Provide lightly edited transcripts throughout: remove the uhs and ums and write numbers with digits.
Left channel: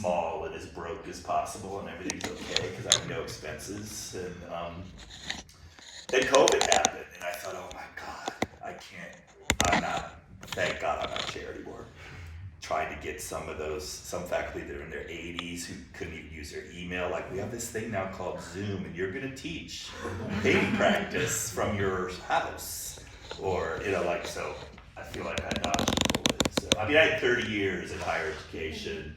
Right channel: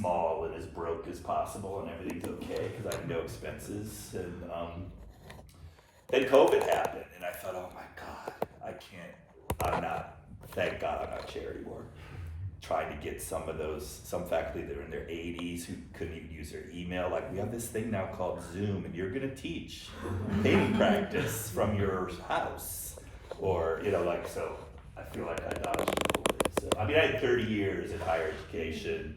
small and as broke as possible and everything's okay because I have no expenses. And then COVID happened and I thought, oh my God, thank God I'm not chair anymore. Trying to get some faculty that are in their 80s who couldn't even use their email. Like, we have this thing now called Zoom, and you're gonna teach painting practice from your house. Or, so I feel like I dodged a bullet. So, I mean, I had 30 years in higher education.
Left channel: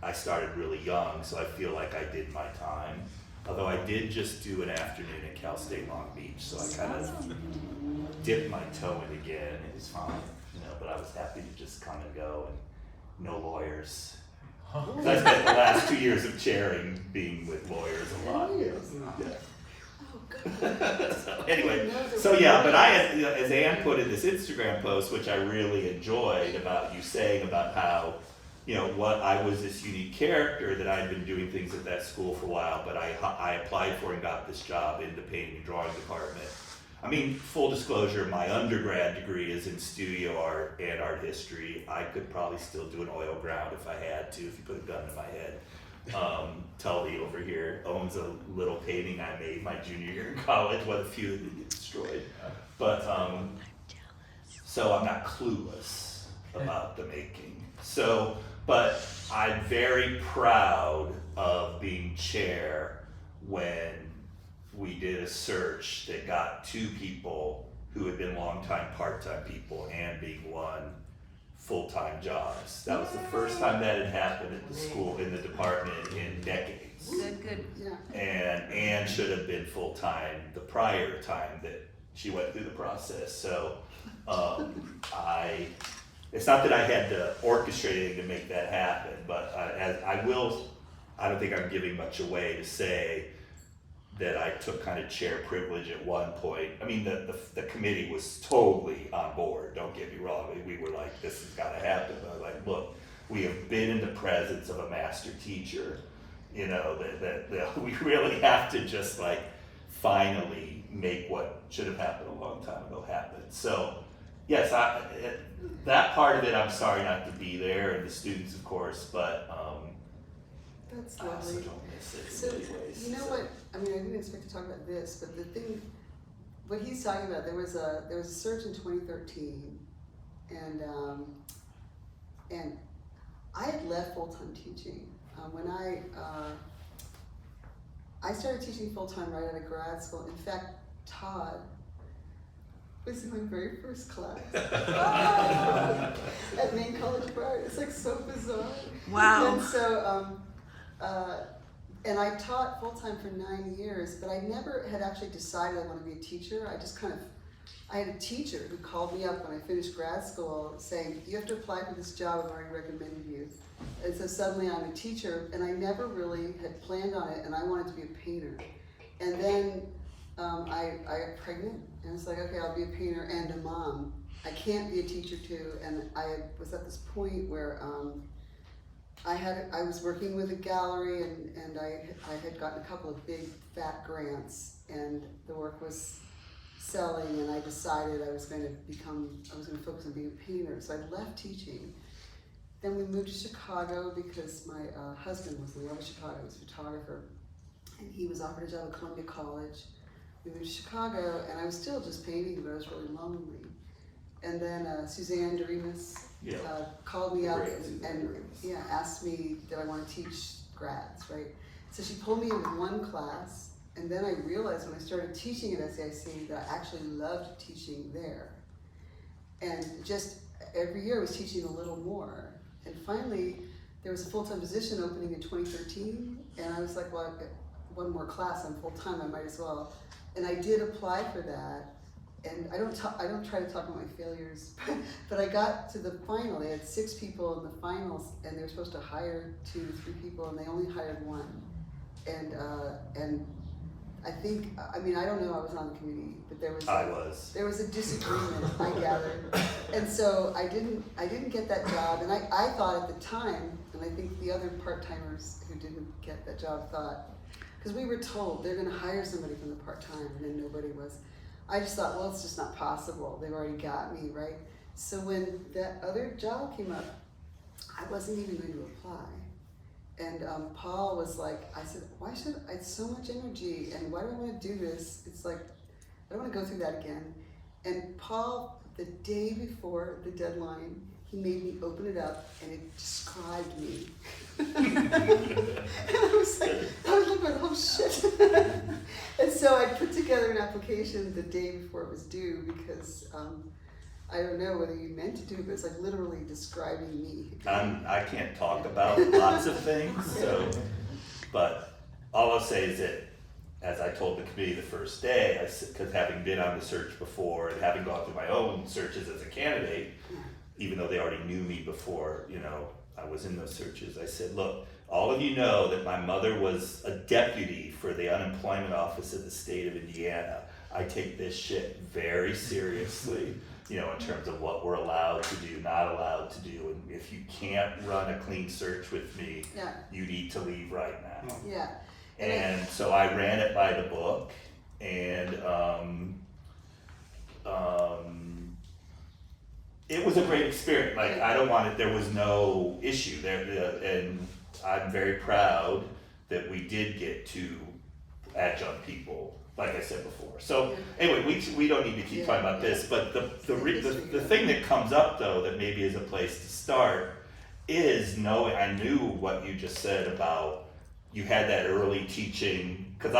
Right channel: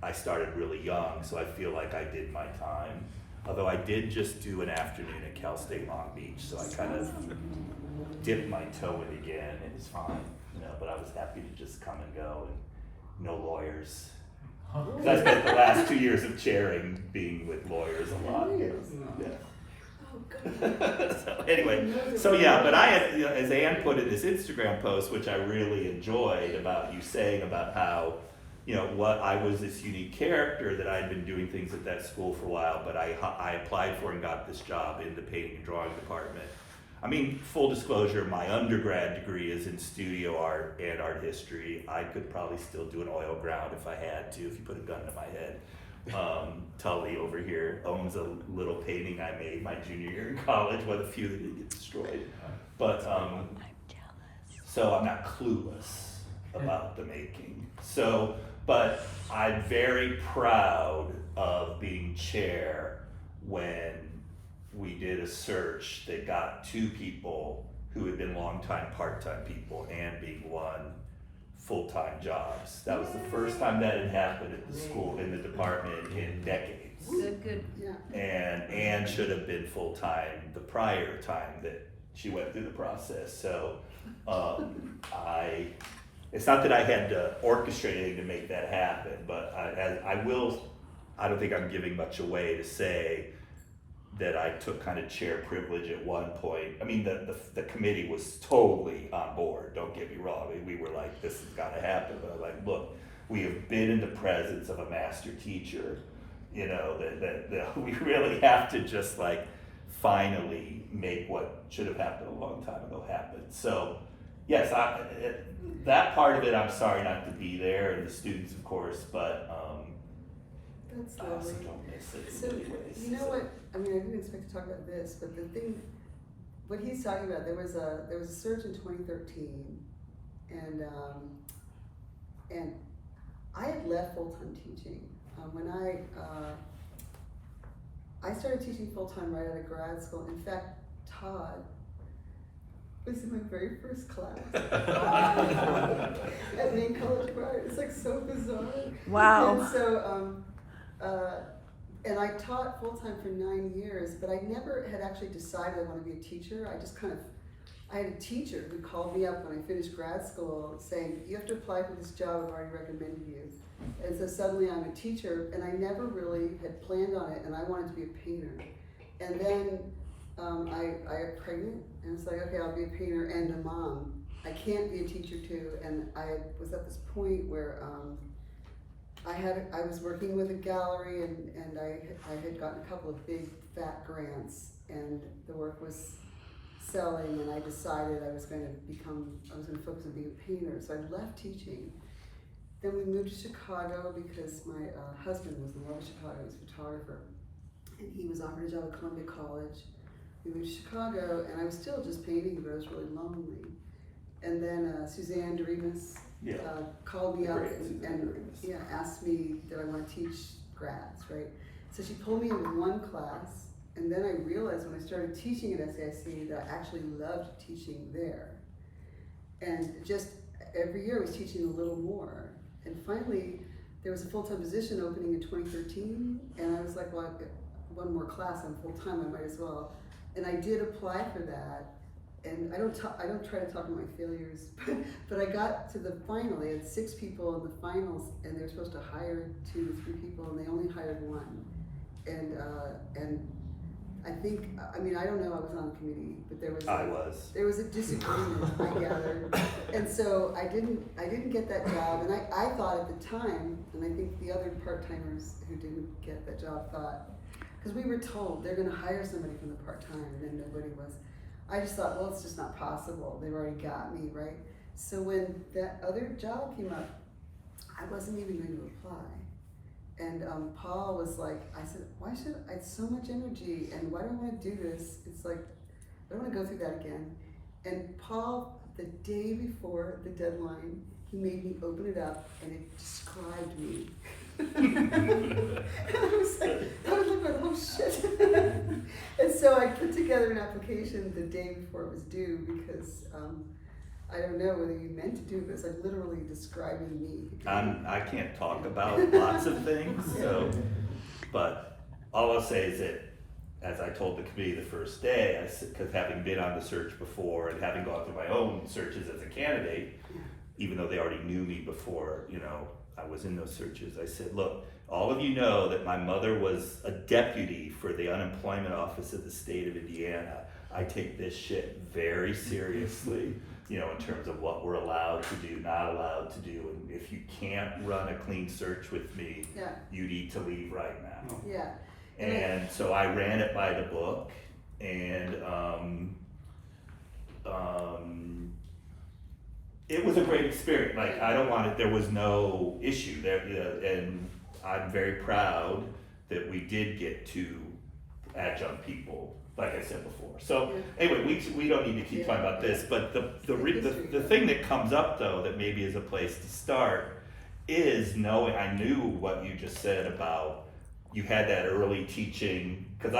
I started really young, so I feel like I did my time. Although I did just do an afternoon at Cal State Long Beach, so I kind of dipped my toe in again. It was fine. But I was happy to just come and go and no lawyers. I spent the last 2 years of chairing being with lawyers a lot. Yeah. Oh, good. So anyway, but I had, as Ann put in this Instagram post, which I really enjoyed, about you saying about how, what I was this unique character, that I had been doing things at that school for a while, but I applied for and got this job in the painting and drawing department. I mean, full disclosure, my undergrad degree is in studio art and art history. I could probably still do an oil ground if I had to, if you put a gun to my head. Tully over here owns a little painting I made my junior year in college, one of the few that didn't get destroyed. But, so I'm not clueless about the making. So, but I'm very proud of being chair when we did a search that got 2 people who had been longtime part-time people and being one full-time jobs. That was the first time that had happened at the school, in the department, in decades. Good, yeah. And Anne should have been full-time the prior time that she went through the process. So it's not that I had to orchestrate anything to make that happen, but I don't think I'm giving much away to say that I took kind of chair privilege at one point. I mean, the committee was totally on board, don't get me wrong. I mean, we were like, this has gotta happen. But I was like, look, we have been in the presence of a master teacher, that we really have to just like finally make what should have happened a long time ago happen. So yes, that part of it, I'm sorry not to be there, and the students, of course, but that's I also lovely. don't miss it So, in many ways. you know what? I mean, I didn't expect to talk about this, but the thing, what he's talking about, there was a search in 2013, and I had left full-time teaching when I started teaching full-time right out of grad school. In fact, Todd was in my very first class at Maine College of Art. It's like so bizarre. Wow. And so, and I taught full-time for 9 years, but I never had actually decided I want to be a teacher. I had a teacher who called me up when I finished grad school saying, you have to apply for this job, I've already recommended you. And so suddenly I'm a teacher, and I never really had planned on it, and I wanted to be a painter. And then I got pregnant, and it's like, okay, I'll be a painter and a mom. I can't be a teacher too, and I was at this point where I was working with a gallery, and I had gotten a couple of big fat grants, and the work was selling, and I decided I was going to focus on being a painter. So I left teaching. Then we moved to Chicago because my husband was in love with Chicago. He was a photographer, and he was offered a job at Columbia College. We moved to Chicago, and I was still just painting, but I was really lonely. And then Suzanne Doremus called me up and asked me did I want to teach grads, right? So she pulled me into one class, and then I realized when I started teaching at SAIC that I actually loved teaching there. And just every year I was teaching a little more. And finally, there was a full-time position opening in 2013, and I was like, well, I've got one more class, I'm full-time, I might as well. And I did apply for that, and I don't try to talk about my failures, but I got to the final. They had 6 people in the finals, and they were supposed to hire 2 to 3 people, and they only hired 1. And I think, I mean, I don't know, I was on the committee, but there was a disagreement, I gathered. And so I didn't get that job, and I thought at the time, and I think the other part-timers who didn't get that job thought, because we were told they're gonna hire somebody from the part-time, and then nobody was. I just thought, well, it's just not possible. They've already got me, right? So when that other job came up, I wasn't even going to apply. And Paul was like, I said, why should I, it's so much energy, and why do I want to do this? It's like, I don't want to go through that again. And Paul, the day before the deadline, he made me open it up, and it described me. And I was like, oh shit. And so I put together an application the day before it was due, because I don't know whether you meant to do it, but it's like literally describing me. I can't talk about lots of things, so, but all I'll say is that, as I told the committee the first day, because having been on the search before and having gone through my own searches as a candidate, even though they already knew me before, you know, I was in those searches, I said, look, all of you know that my mother was a deputy for the unemployment office of the state of Indiana. I take this shit very seriously, you know, in terms of what we're allowed to do, not allowed to do. And if you can't run a clean search with me, Yeah. you need to leave right now. Yeah. And so I ran it by the book, and it was a great experience. Like, I don't want it, there was no issue there, and I'm very proud that we did get two adjunct people, like I said before. So anyway, we don't need to keep talking about this, but the thing that comes up though, that maybe is a place to start, is knowing, I knew what you just said about, you had that early teaching, because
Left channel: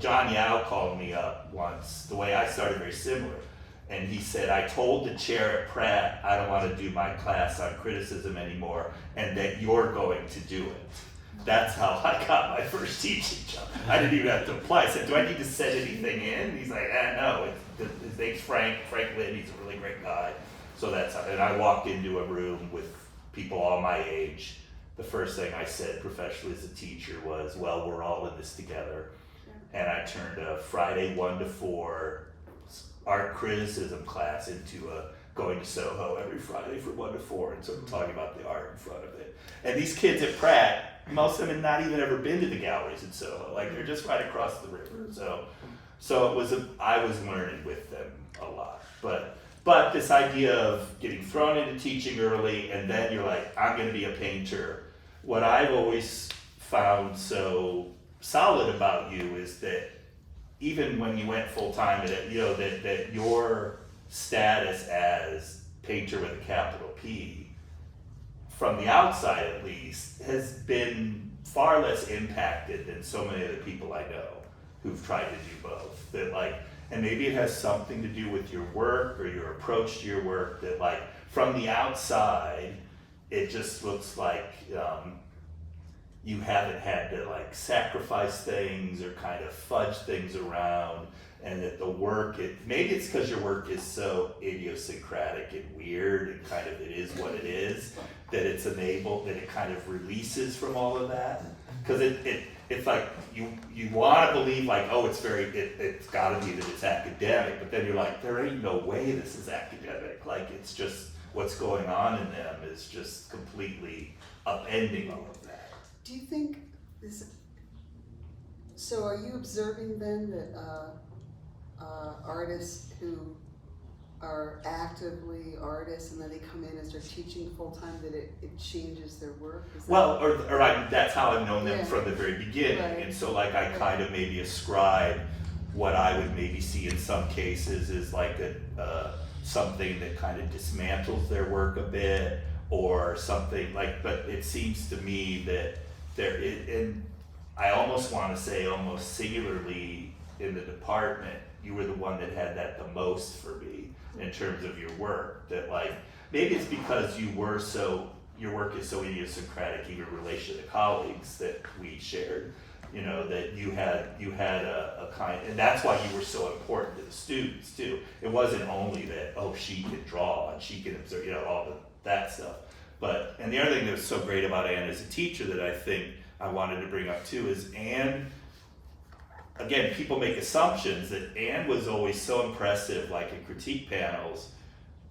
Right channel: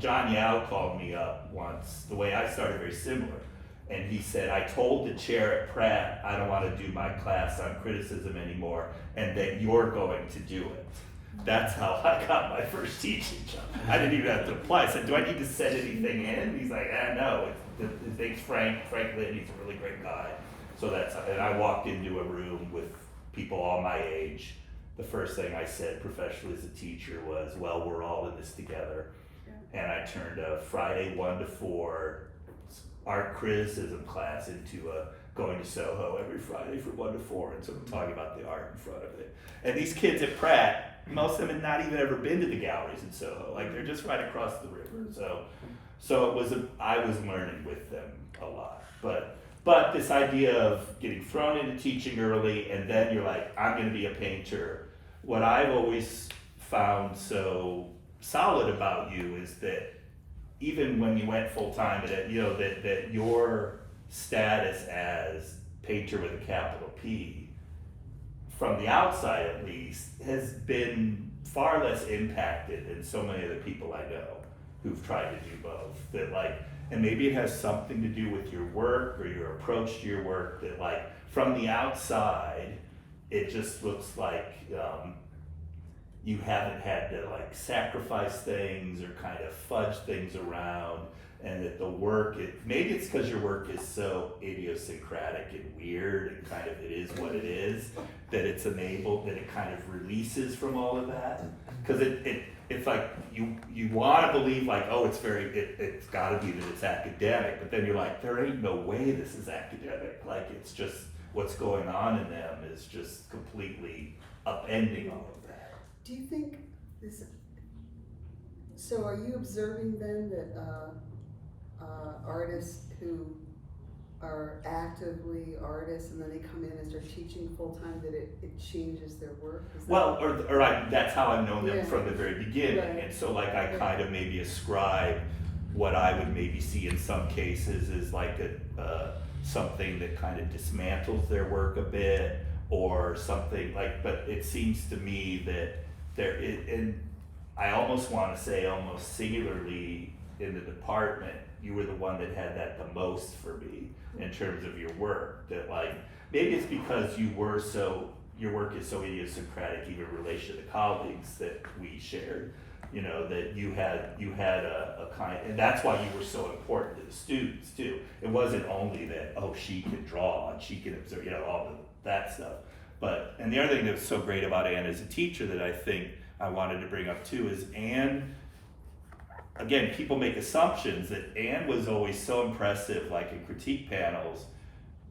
John Yao called me up once, the way I started very similar, and he said, I told the chair at Pratt, I don't want to do my class on criticism anymore, and that you're going to do it. That's how I got my first teaching job. I didn't even have to apply. I said, do I need to send anything in? And he's like, no, his name's Frank Lynn, he's a really great guy. So that's how, and I walked into a room with people all my age. The first thing I said professionally as a teacher was, well, we're all in this together. And I turned a Friday 1 to 4 art criticism class into a going to Soho every Friday for 1 to 4 and sort of talking about the art in front of it. And these kids at Pratt, most of them had not even ever been to the galleries in Soho. Like, they're just right across the river. So it was I was learning with them a lot. But this idea of getting thrown into teaching early, and then you're like, I'm going to be a painter. What I've always found so solid about you is that even when you went full time, that you know that your status as painter with a capital P, from the outside at least, has been far less impacted than so many other people I know who've tried to do both. That like. And maybe it has something to do with your work or your approach to your work, that like from the outside, it just looks like you haven't had to like sacrifice things or kind of fudge things around, and that the work, maybe it's because your work is so idiosyncratic and weird and kind of it is what it is, that it's enabled, that it kind of releases from all of that. Because it's like you want to believe like, oh, it's got to be that it's academic, but then you're like, there ain't no way this is academic. Like, it's just what's going on in them is just completely upending all of that. Do you think this? So, are you observing then that artists who are actively artists and then they come in as they're teaching full time, that it changes their work? That's how I've known them from the very beginning. Right. And so like I kind of maybe ascribe what I would maybe see in some cases is like something that kind of dismantles their work a bit, or something like, but it seems to me that and I almost want to say almost singularly in the department, you were the one that had that the most for me in terms of your work. That like, maybe it's because your work is so idiosyncratic, even in relation to the colleagues that we shared, you know, that you had a kind, and that's why you were so important to the students too. It wasn't only that, oh, she can draw and she can observe, you know, all that stuff. But, and the other thing that was so great about Anne as a teacher that I think I wanted to bring up too is Anne, again, people make assumptions that Anne was always so impressive, like in critique panels,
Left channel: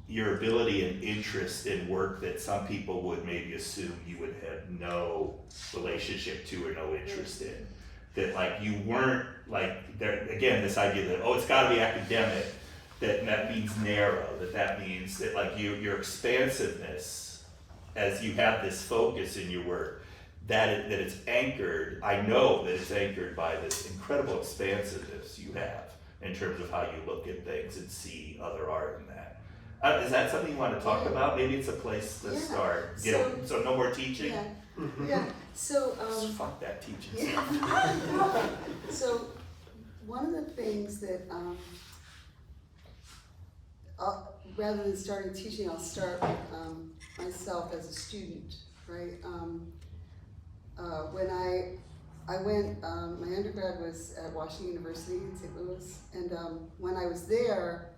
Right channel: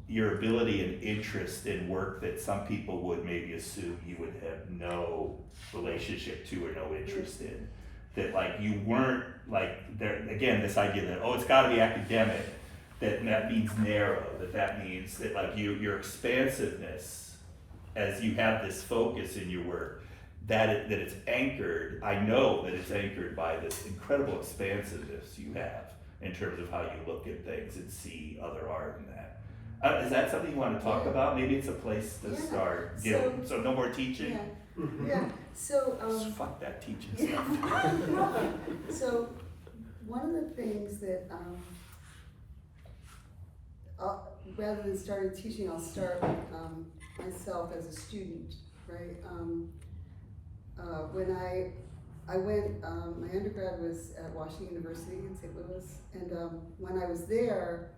your ability and interest in work that some people would maybe assume you would have no relationship to or no interest in. That like you weren't like, there again, this idea that, oh, it's gotta be academic, that means narrow, that means that like your expansiveness as you have this focus in your work that it's anchored, I know that it's anchored by this incredible expansiveness you have in terms of how you look at things and see other art in that. Is that something you want to talk about? Maybe it's a place to start. So no more teaching? Yeah, so, Fuck that teaching yeah. stuff. So, one of the things that, rather than starting teaching, I'll start with myself as a student, right? When I went, my undergrad was at Washington University in St. Louis, and when I was there,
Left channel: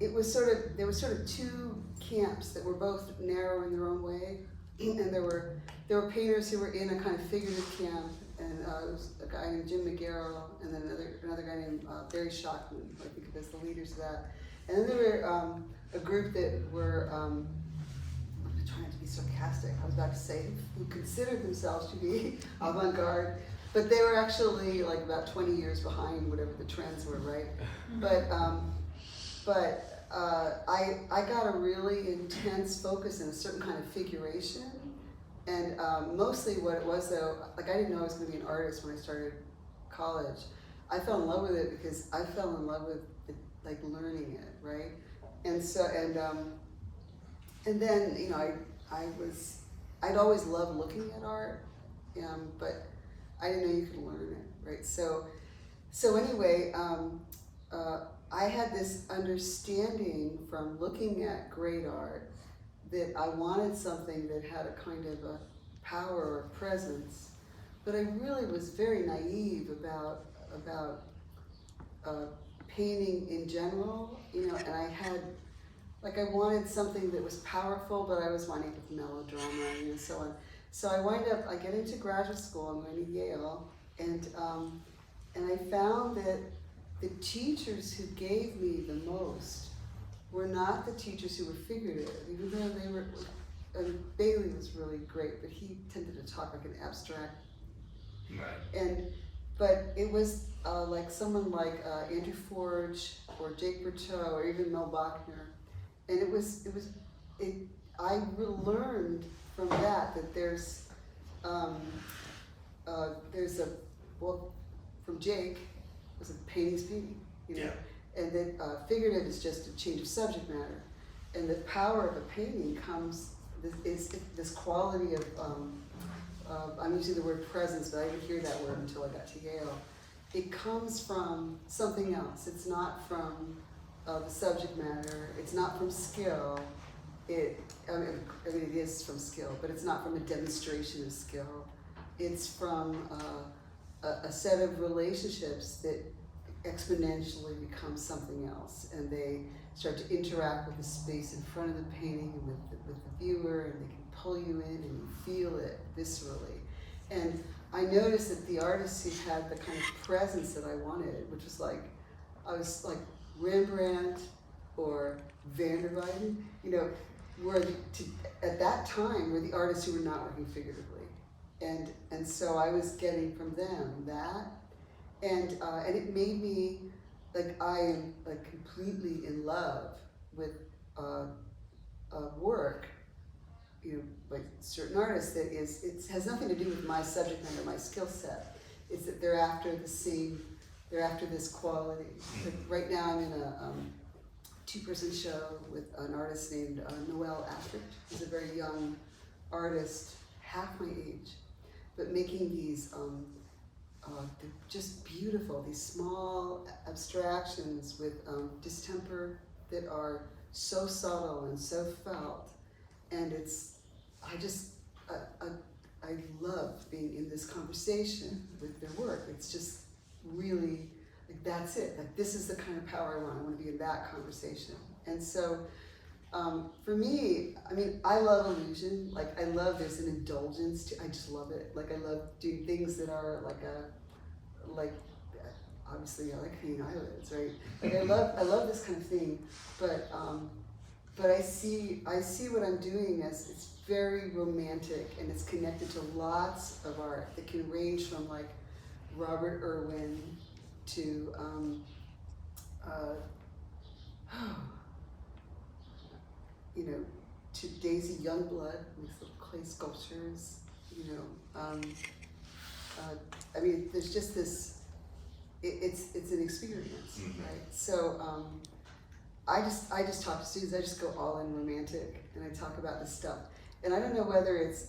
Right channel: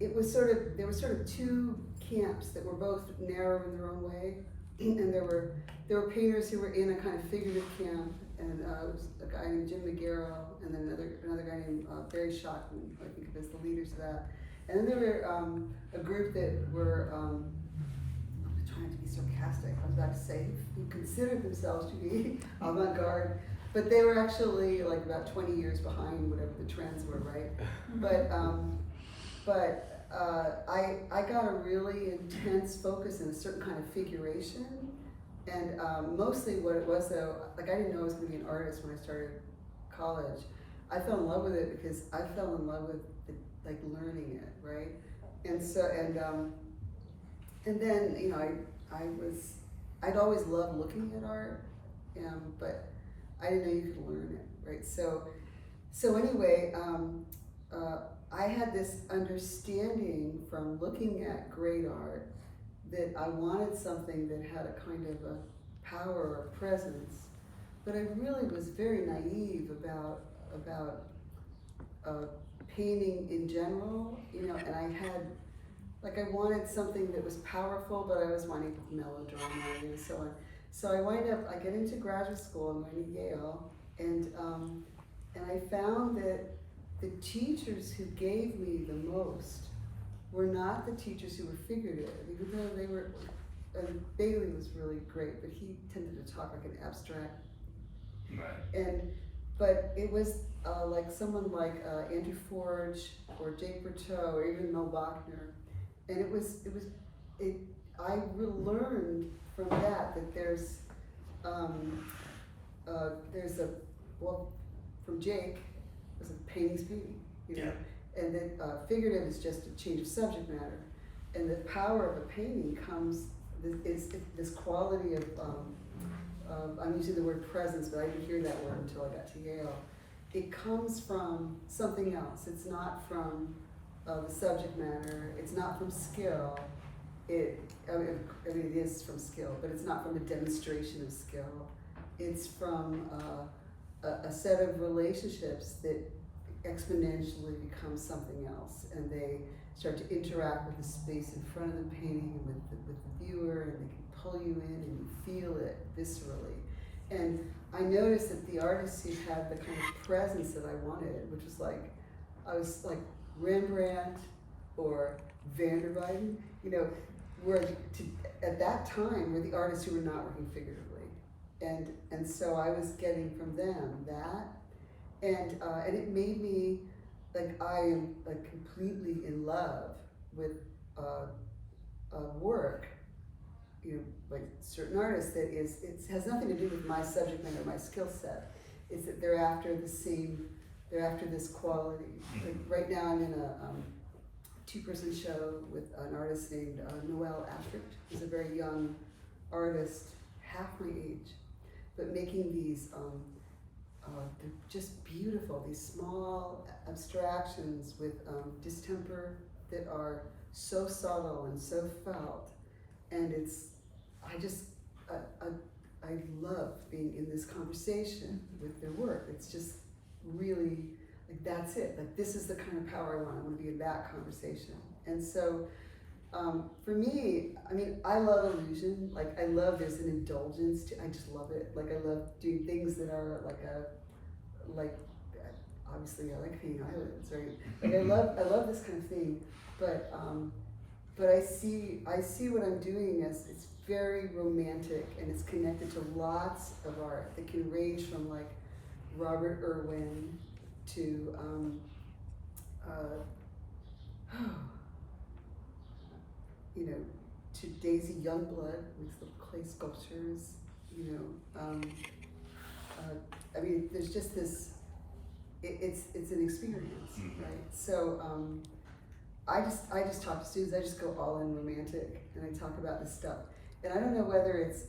it was there were sort of two camps that were both narrow in their own way, and there were painters who were in a kind of figurative camp, and it was a guy named Jim McGarrell, and then another guy named Barry Schockman, I think of as the leaders of that. And then there were a group that were, I'm trying to be sarcastic, I was about to say, who considered themselves to be avant-garde, but they were actually like about 20 years behind whatever the trends were, right? But I got a really intense focus in a certain kind of figuration, and mostly what it was though, like I didn't know I was going to be an artist when I started college. I fell in love with it because I fell in love with like learning it, right? And so and then you know I'd always loved looking at art, but I didn't know you could learn it, right? So anyway. I had this understanding from looking at great art that I wanted something that had a kind of a power or presence, but I really was very naive about painting in general, you know, and I wanted something that was powerful, but I was wanting melodrama, you know, so on. So I get into graduate school, I'm going to Yale, and I found that the teachers who gave me the most were not the teachers who were figurative, even though they were, Bailey was really great, but he tended to talk like an abstract. Right. But it was like someone like Andrew Forge or Jake Berteau or even Mel Bachner, and I really learned from that there's from Jake, was like painting's beauty, you know? Yeah. And that figurative is just a change of subject matter, and the power of a painting comes this quality of I'm using the word presence, but I didn't hear that word until I got to Yale. It comes from something else. It's not from the subject matter. It's not from skill. It is from skill, but it's not from a demonstration of skill. It's from a set of relationships that exponentially become something else, and they start to interact with the space in front of the painting and with the viewer, and they can pull you in and you feel it viscerally. And I noticed that the artists who had the kind of presence that I wanted, which was like, I was like Rembrandt or Van der Weyden, you know, at that time were the artists who were not working figuratively. And so I was getting from them that, and it made me, like I am like completely in love with work, you know, like certain artists that it has nothing to do with my subject matter, my skill set. It's that they're after this quality. Like right now I'm in a two-person show with an artist named Noel Ashford. He's a very young artist, half my age, but making these they're just beautiful, these small abstractions with distemper that are so subtle and so felt. And I love being in this conversation with their work. It's just really, like that's it. Like this is the kind of power I want to be in that conversation. And so for me, I mean, I love illusion. Like I love there's an indulgence to, I just love it. Like I love doing things that are obviously I like hanging eyelids, right? Like I love this kind of thing, but I see what I'm doing as it's very romantic, and it's connected to lots of art that can range from like Robert Irwin to you know, to Daisy Youngblood with the clay sculptures, you know. I mean, there's just this, it's an experience, Mhm. right? So I just talk to students, I just go all in romantic, and I talk about this stuff. And I don't know whether it's,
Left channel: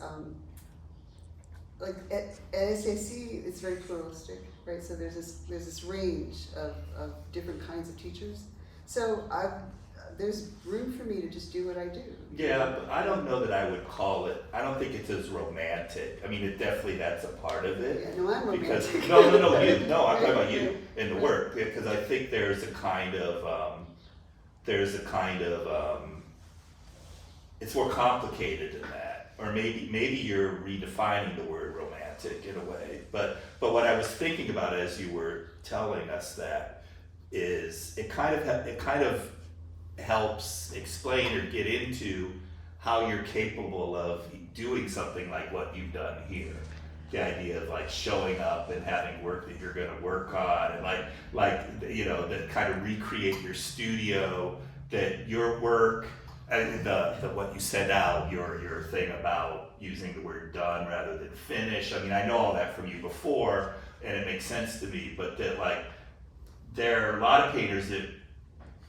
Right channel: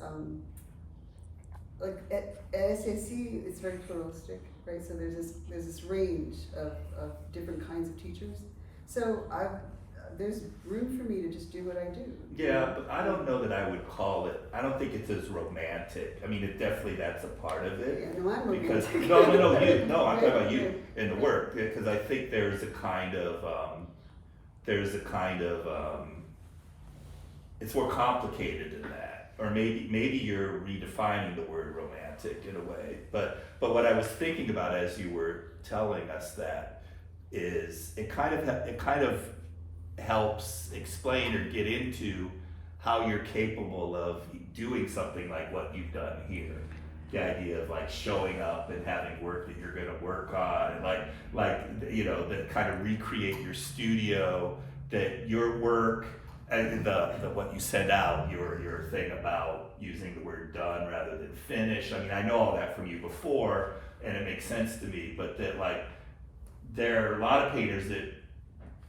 like at SAC, it's very pluralistic, right? So there's this range of different kinds of teachers. So there's room for me to just do what I do. Yeah, but I don't know that I would call it, I don't think it's as romantic. I mean, it definitely, that's a part of it. Yeah, no, I'm Because, romantic. I'm talking about you in the work, because I think there's a kind of, it's more complicated than that. Or maybe you're redefining the word romantic in a way. But what I was thinking about as you were telling us that is it kind of helps explain or get into how you're capable of doing something like what you've done here. The idea of like showing up and having work that you're going to work on, and like you know, that kind of recreate your studio, that your work and the what you send out, your thing about using the word done rather than finish. I mean, I know all that from you before, and it makes sense to me. But that like there are a lot of painters that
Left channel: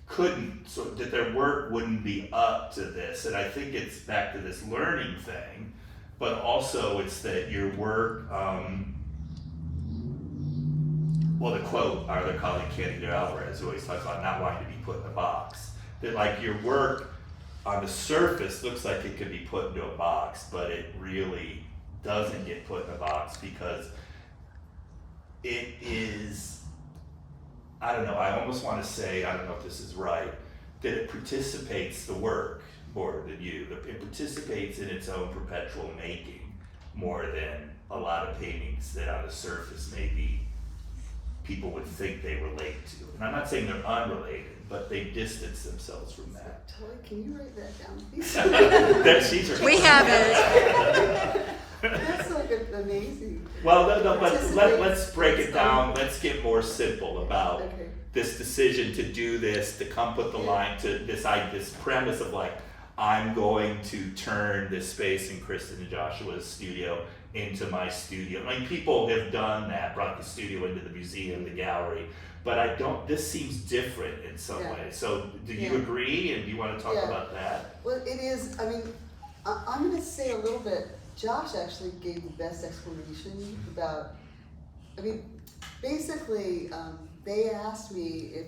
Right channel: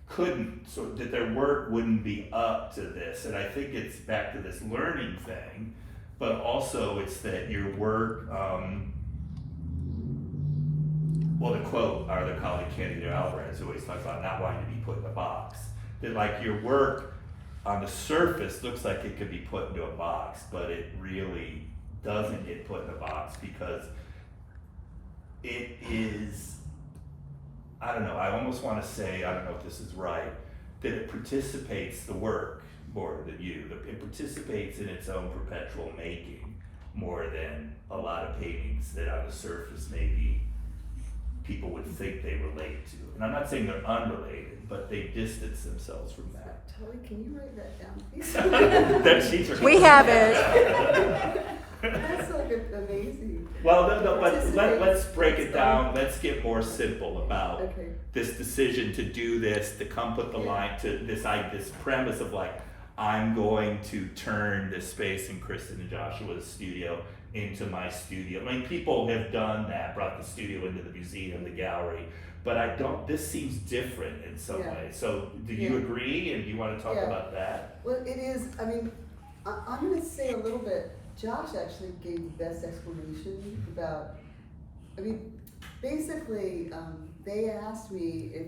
couldn't, so that their work wouldn't be up to this, and I think it's back to this learning thing. But also it's that your work, well, the quote, our other colleague Candido Alvarez always talks about not wanting to be put in a box. That like your work on the surface looks like it could be put into a box, but it really doesn't get put in a box because it is, I don't know, I almost want to say, I don't know if this is right, that it participates the work more than you. It participates in its own perpetual making more than a lot of paintings that on the surface maybe people would think they relate to. And I'm not saying they're unrelated, but they distance themselves from that. Tilly, can you write that down, please? That she's We have it. That's like amazing. Well, no, but let's break it down. Let's get more simple about Okay. this decision to do this, to come put the line to this premise of like, I'm going to turn this space in Kristen and Joshua's studio into my studio. I mean, people have done that, brought the studio into the museum, the gallery, but this seems different in some Yeah. way. So do you Yeah. agree, and do you want to talk Yeah. about that? Well, it is, I mean, I'm gonna say a little bit, Josh actually gave the best explanation about, I mean, basically, they asked me if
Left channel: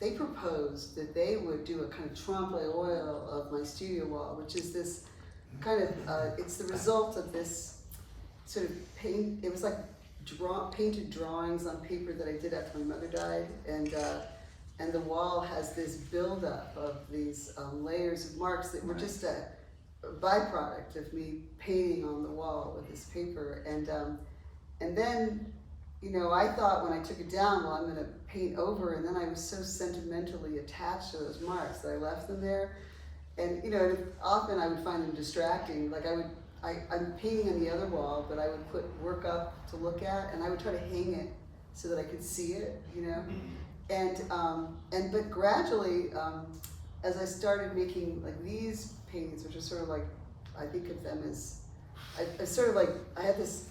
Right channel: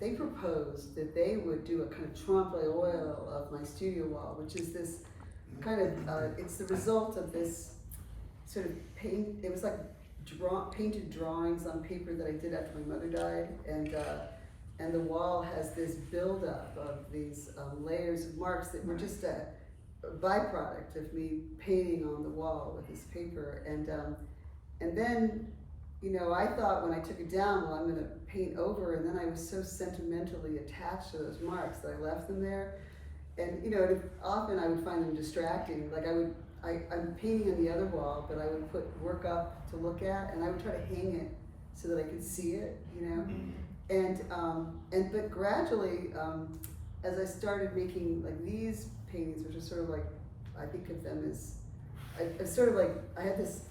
they proposed that they would do a kind of trompe l'oeil of my studio wall, which is this kind of, it's the result of this sort of paint, it was like painted drawings on paper that I did after my mother died, and the wall has this buildup of these layers of marks that were just a byproduct of me painting on the wall with this paper, and then, you know, I thought when I took it down, well, I'm gonna paint over, and then I was so sentimentally attached to those marks that I left them there. And, you know, often I would find them distracting. Like I'm painting on the other wall, but I would put work up to look at, and I would try to hang it so that I could see it, you know? But gradually, as I started making like these paintings, which are sort of like, I think of them as, I sort of like, I had this,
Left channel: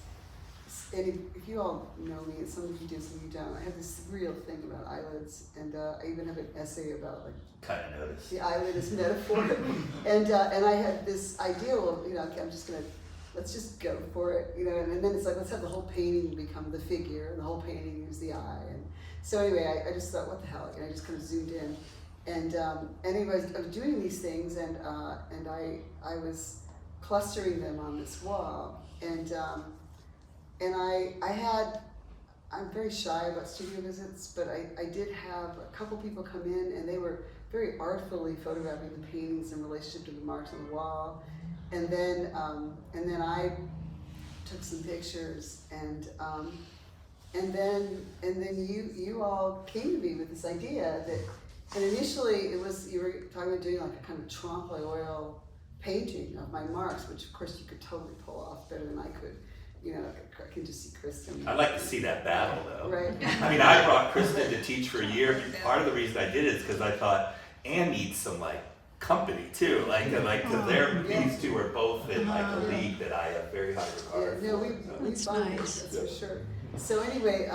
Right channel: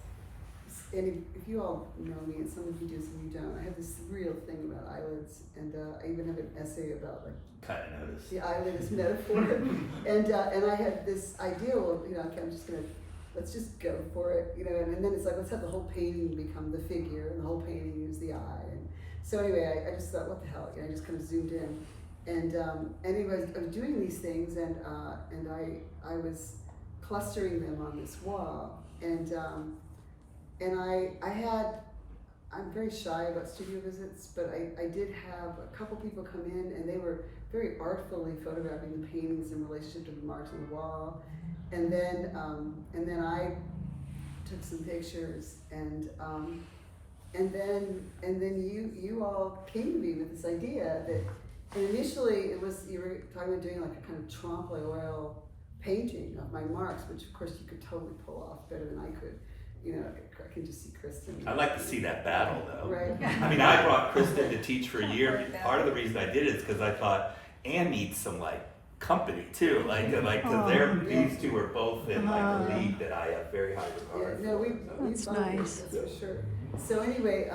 and if you all know me, and some of you do, some of you don't, I have this real thing about eyelids, and I even have an essay about like Kind of noticed. the eyelid as metaphor, and I had this idea of, you know, okay, let's just go for it, you know, and then it's like, let's have the whole painting become the figure, and the whole painting is the eye, and so anyway, I just thought, what the hell, and I just kind of zoomed in, and anyways, I was doing these things, and I was clustering them on this wall, and I'm very shy about studio visits, but I did have a couple people come in, and they were very artfully photographing the paintings in relationship to the marks on the wall, and then I took some pictures, and then you all came to me with this idea that, and initially it was, you were talking about doing like a kind of trompe l'oeil painting of my marks, which of course you could totally pull off better than I could. You know, I can just see Kristen. I'd like to see that battle though. Right. I mean, I brought Kristen to teach for a year. Part of the reason I did it is because I thought Anne needs some like company too, like cause these two are both in like a league that I have very high regard Yeah, no, for. we That's bonded, nice. that's for sure. So anyway,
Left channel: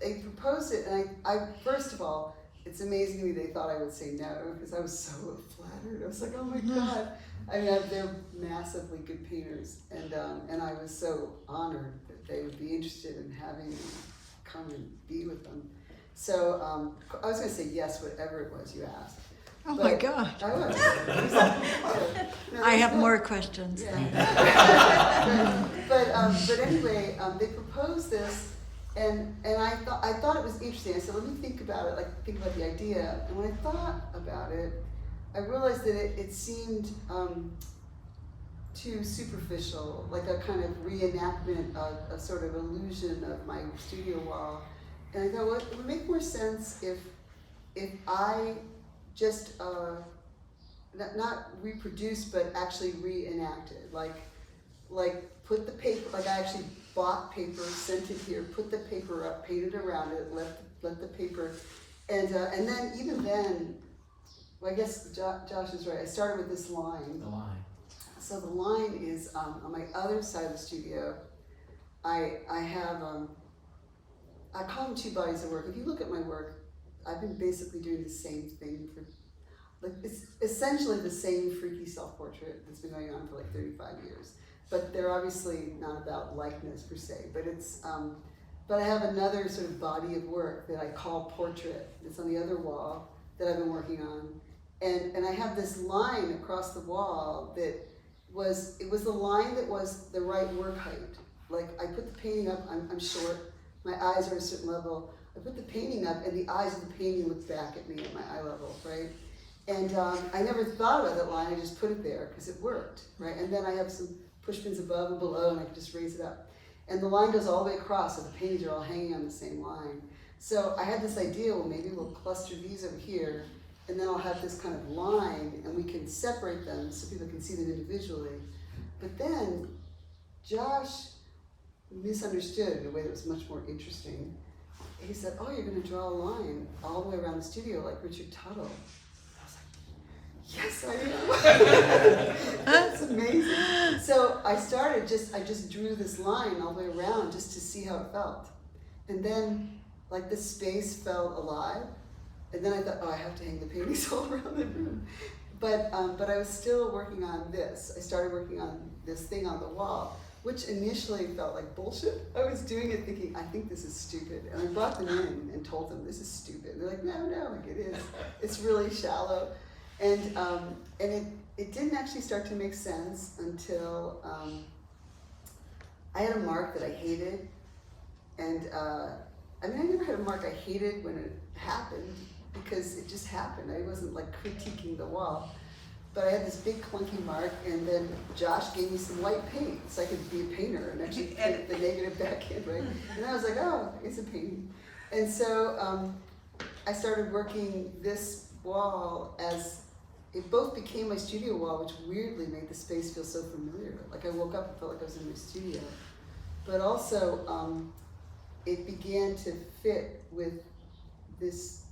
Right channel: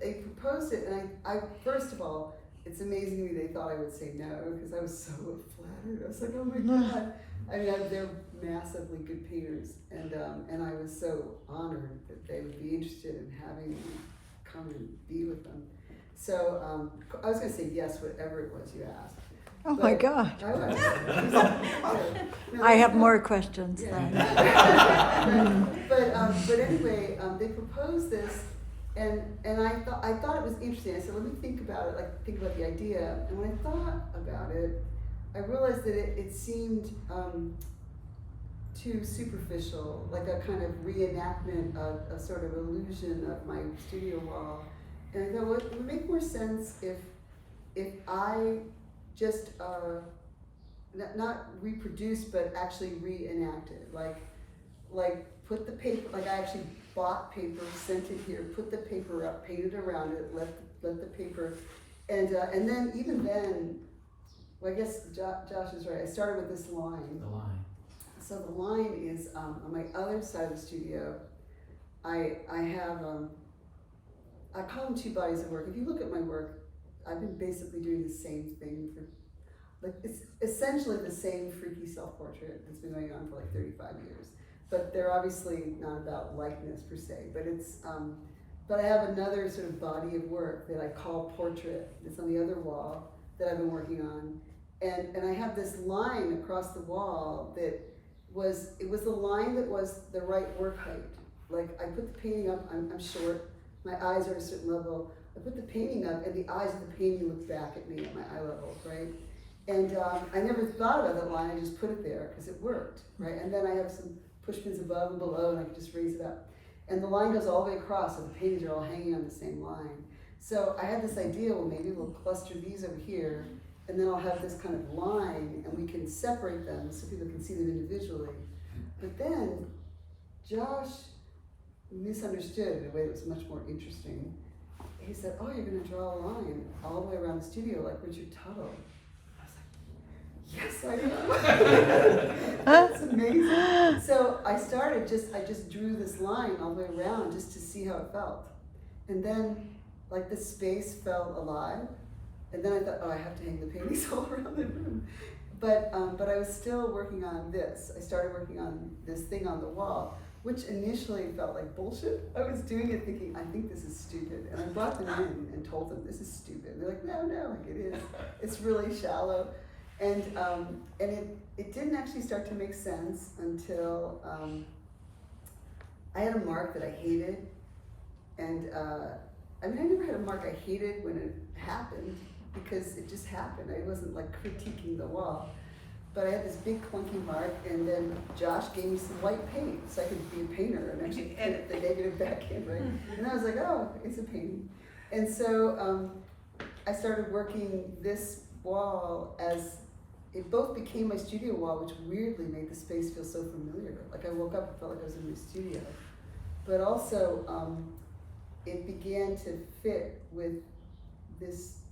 they proposed it, and I first of all, it's amazing to me they thought I would say no, because I was so flattered. I was like, oh my God. I mean, they're massively good painters, and I was so honored that they would be interested in having me come and be with them. So I was going to say yes, whatever it was you asked. Oh my God. I was. I have more questions Yeah. then. But anyway, they proposed this, and I thought it was interesting. I said, let me think about it, think about the idea. And when I thought about it, I realized that it seemed too superficial, like a kind of reenactment of a sort of illusion of my studio wall. And I thought, well, it would make more sense if I just not reproduce, but actually reenacted, like put the paper, like I actually bought paper, sent it here, put the paper up, painted around it, let the paper, and then even then, well, I guess Josh is right. I started with this line. The line. So the line is on my other side of the studio. I have I call them two bodies of work. If you look at my work, I've been basically doing the same thing for, it's essentially the same freaky self-portrait that's been going on for 35 years. But they're obviously not about likeness per se, but it's, but I have another sort of body of work that I call portrait. It's on the other wall that I've been working on. And I have this line across the wall that it was the line that was the right work height. Like I put the painting up, I'm short, my eyes are at a certain level. I put the painting up and the eyes of the painting look back at me at my eye level, right? And I never thought about that line, I just put it there because it worked, right? And then I have some push pins above and below and I can just raise it up. And the line goes all the way across, so the paintings are all hanging on the same line. So I had this idea, well maybe we'll cluster these over here and then I'll have this kind of line and we can separate them so people can see them individually. But then Josh misunderstood in a way that was much more interesting. He said, oh, you're going to draw a line all the way around the studio like Richard Tuttle. I was like, yes, I am. That's amazing. So I just drew this line all the way around just to see how it felt. And then, like, the space felt alive. And then I thought, oh, I have to hang the paintings all around the room. But I was still working on this. I started working on this thing on the wall, which initially felt like bullshit. I was doing it thinking, I think this is stupid. And I brought them in and told them, this is stupid. And they're like, no, like it is. It's really shallow. And it didn't actually start to make sense until I had a mark that I hated. And I never had a mark I hated when it happened because it just happened. I wasn't like critiquing the wall. But I had this big clunky mark, and then Josh gave me some white paint so I could be a painter and actually put the negative back in, right? And then I was like, oh, it's a painting. And so I started working this wall as, it both became my studio wall, which weirdly made the space feel so familiar. Like I woke up and felt like I was in my studio. But also, it began to fit with this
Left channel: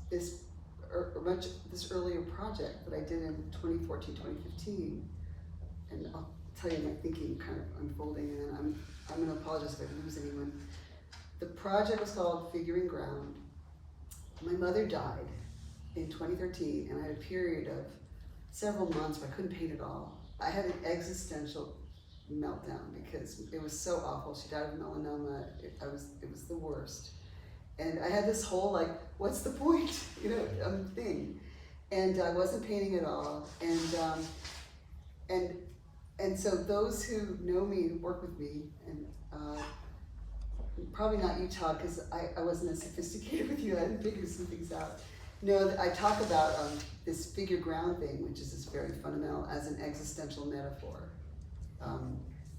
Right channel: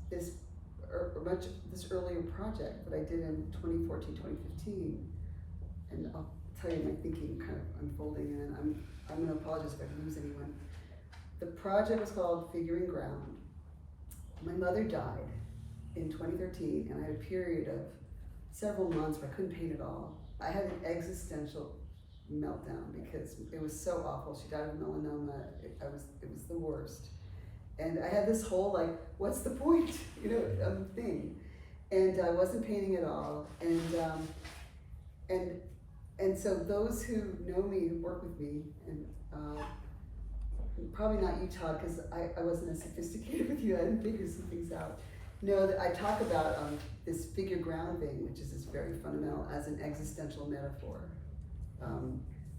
earlier project that I did in 2014, 2015. And I'll tell you my thinking kind of unfolding, and then I'm gonna apologize if I lose anyone. The project was called Figuring Ground. My mother died in 2013, and I had a period of several months where I couldn't paint at all. I had an existential meltdown because it was so awful. She died of melanoma. It was the worst. And I had this whole like, what's the point, thing. And I wasn't painting at all. And so those who know me, who work with me, and probably not you, Todd, because I wasn't as sophisticated with you. I didn't figure some things out. No, that I talk about this figure ground thing, which is this very fundamental as an existential metaphor.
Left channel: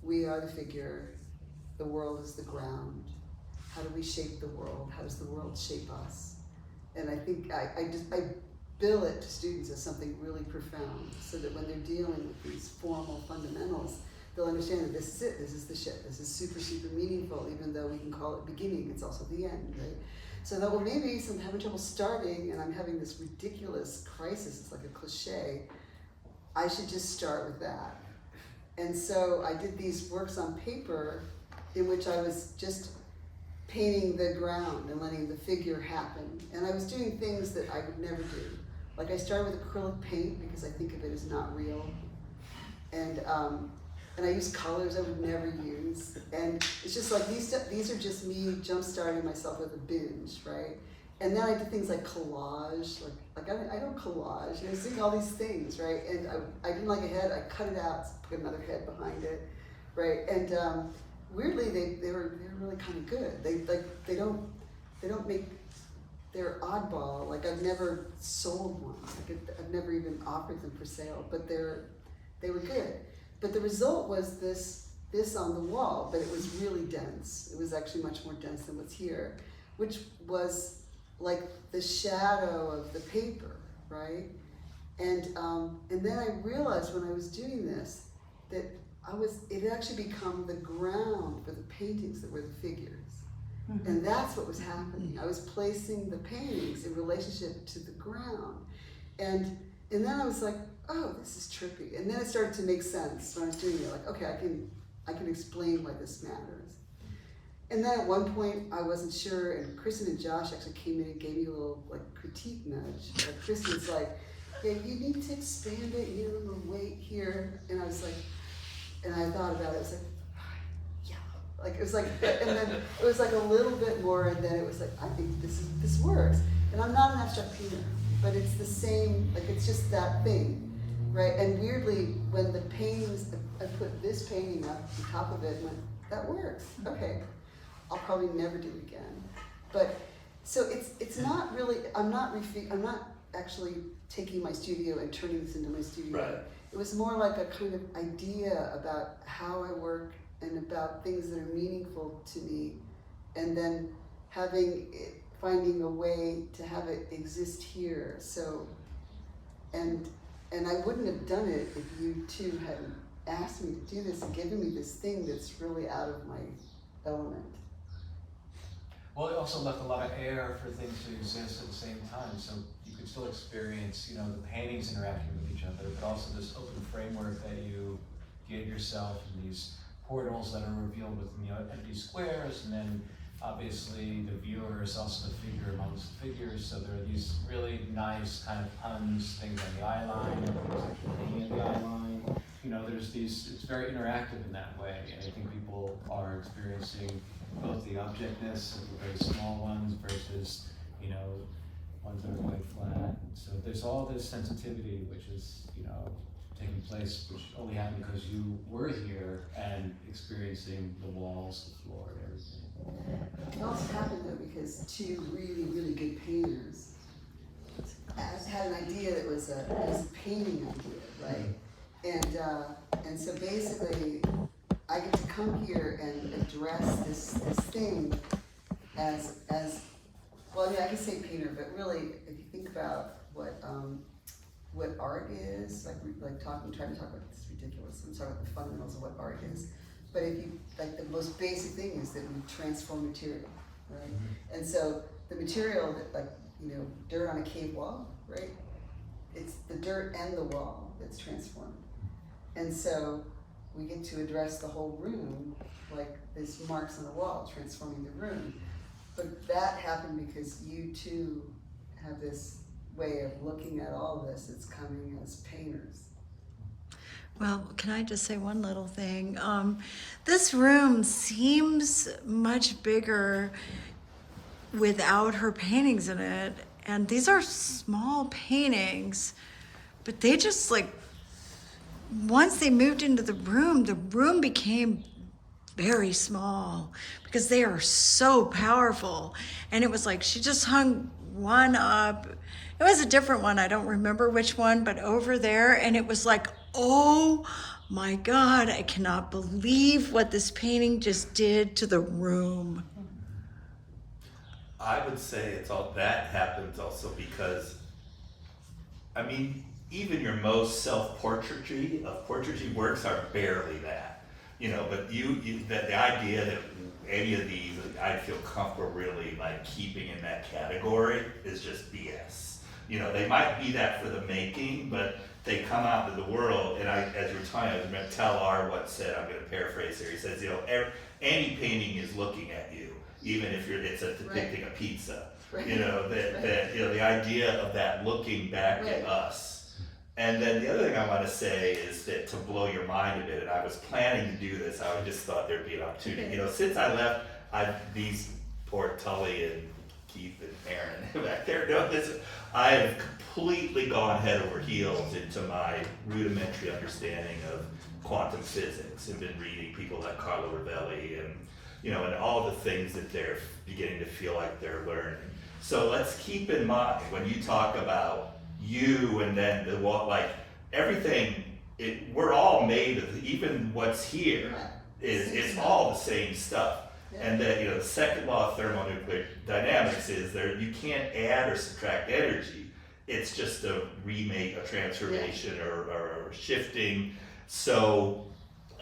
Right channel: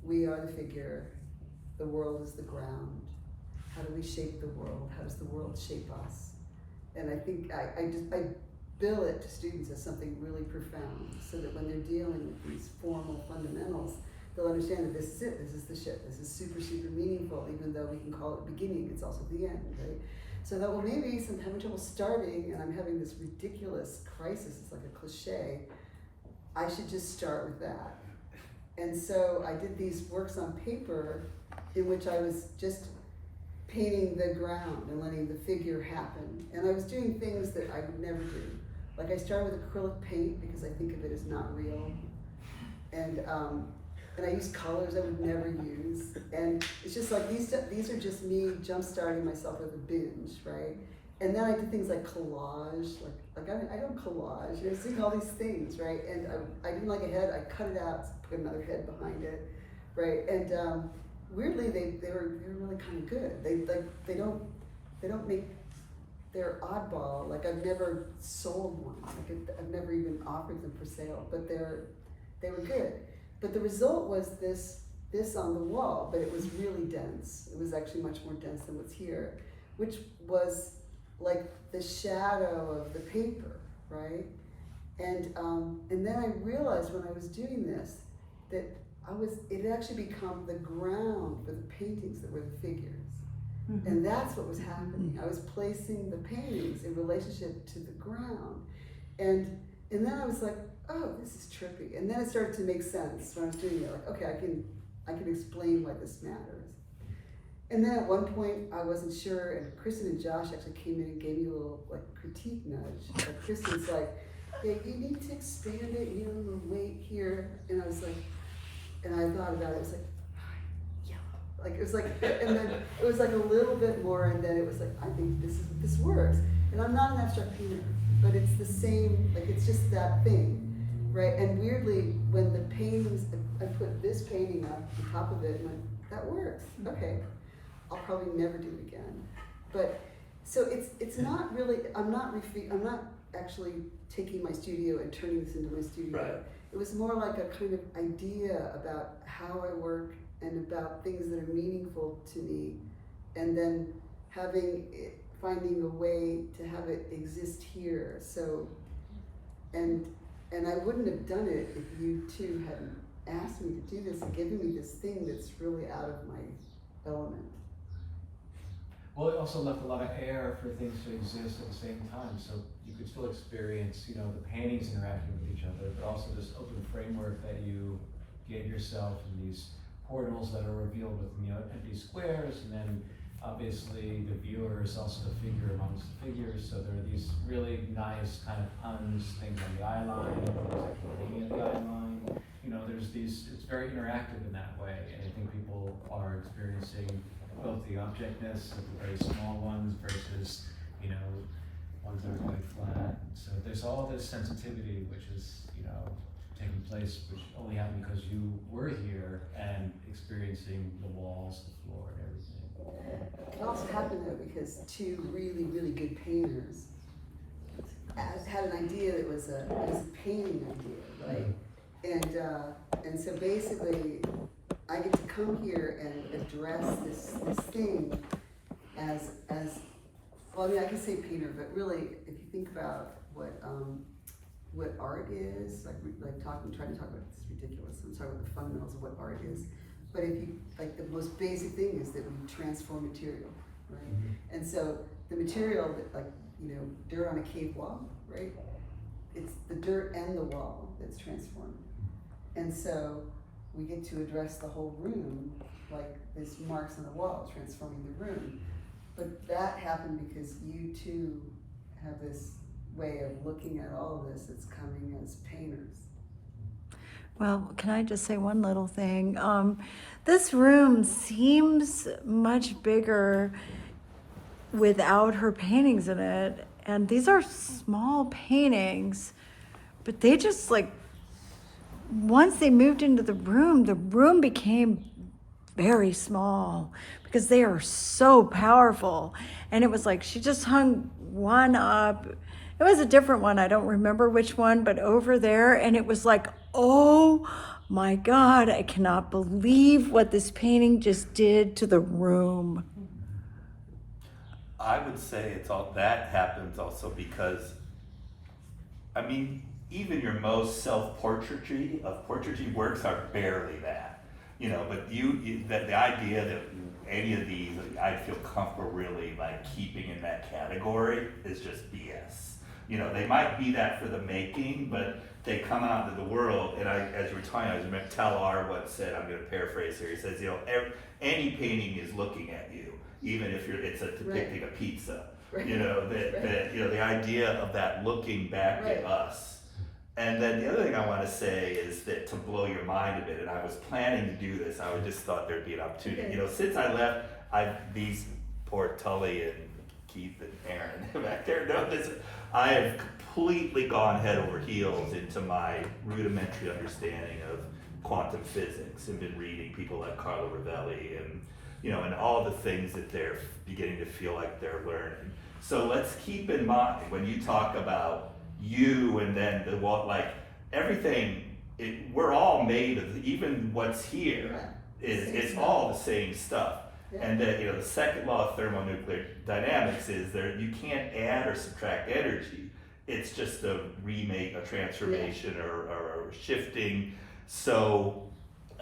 We are the figure, the world is the ground. How do we shape the world? How does the world shape us? And I think I bill it to students as something really profound, so that when they're dealing with these formal fundamentals, they'll understand that this is it, this is the shit, this is super, super meaningful, even though we can call it beginning, it's also the end, right? So that, well, maybe I'm having trouble starting and I'm having this ridiculous crisis, it's like a cliche, I should just start with that. And so I did these works on paper in which I was just painting the ground and letting the figure happen. And I was doing things that I would never do. Like I started with acrylic paint because I think of it as not real. And I used colors I would never use. And it's just like these are just me jump-starting myself with a binge, right? And then I did things like collage, like I don't collage, you know, seeing all these things, right? And I didn't like a head, I cut it out, put another head behind it, right? And weirdly, they were really kind of good. They don't make, they're oddball. Like I've never sold one. Like I've never even offered them for sale, but they were good. But the result was this on the wall, but it was really dense. It was actually much more dense than what's here, which was like the shadow of the paper, right? And then I realized when I was doing this that it had actually become the ground for the paintings that were the figures. Mm-hmm. And that's what was happening. I was placing the paintings in relationship to the ground. And then I was like, oh, this is trippy. And then it started to make sense when I was doing it. Like, okay, I can explain why this matters. And then at one point I wasn't sure, and Kristen and Josh actually came in and gave me a little like critique nudge. Like Kristen's like, yeah, you need to expand it, you know, weight here. And I was like, and I thought about it, it was like, yeah. Like it was like, and then it was like a little bit more, and then it was like, I think this works. And I'm not an abstract painter, but it's the same, like it's just that thing, right? And weirdly, when the paintings, I put this painting up on top of it, and went, that works, okay. I'll probably never do it again. But, so it's not really, I'm not actually taking my studio and turning this into my studio. Right. It was more like a kind of idea about how I work and about things that are meaningful to me, and then finding a way to have it exist here. So, and I wouldn't have done it if you two hadn't asked me to do this and given me this thing that's really out of my element. Well, it also left a lot of air for things to exist at the same time, so you could still experience, you know, the paintings interacting with each other, but also this open framework that you give yourself, and these portals that are revealed with, you know, empty squares, and then obviously the viewer is also the figure amongst the figures, so there are these really nice kind of puns, things on the eye line, things that can be in the eye line. You know, there's these, it's very interactive in that way, and I think people are experiencing both the objectness of the very small ones versus, you know, ones that are quite flat. So there's all this sensitivity which is, you know, taking place, which only happened because you were here and experiencing the walls, the floor, and everything. It also happened though because two really, really good painters had an idea that was a painting idea, right? And so basically, I get to come here and address this thing as well. I mean, I can say painter, but really, if you think about what art is, like trying to talk about this ridiculous, and talk about the fundamentals of what art is. But if you like, the most basic thing is that we transform material, right? Mm-hmm. And so the material that, like, you know, dirt on a cave wall, right? It's the dirt and the wall that's transformed, and so we get to address the whole room, like this marks on the wall, transforming the room. But that happened because you two have this way of looking at all this. It's coming as painters. Well, can I just say one little thing? This room seems much bigger without her paintings in it. And these are small paintings, but they just like, once they moved into the room became very small because they are so powerful. And it was like she just hung one up. It was a different one, I don't remember which one, but over there, and it was like, oh my God, I cannot believe what this painting just did to the room. I would say it's all that happens also because, I mean, even your most self-portraiture of portraiture works are barely that, you know. But the idea that any of these I'd feel comfortable really like keeping in that category is just BS. You know, they might be that for the making, but they come out into the world, and as you were talking, I was going to tell R what said, I'm going to paraphrase here. He says, any painting is looking at you, even if it's depicting a pizza. Right. The idea of that looking back at us. And then the other thing I want to say is that to blow your mind a bit, and I was planning to do this, I just thought there'd be an opportunity. Okay. Since I left, these poor Tully and Keith and Aaron back there know this. I have completely gone head over heels into my rudimentary understanding of quantum physics and been reading people like Carlo Rovelli and and all the things that they're beginning to feel like they're learning. So let's keep in mind when you talk about you and then everything, we're all made of, even what's here it's all the same stuff. Yeah. And the second law of thermonuclear dynamics is that you can't add or subtract energy. It's just a remake, a transformation, or shifting. So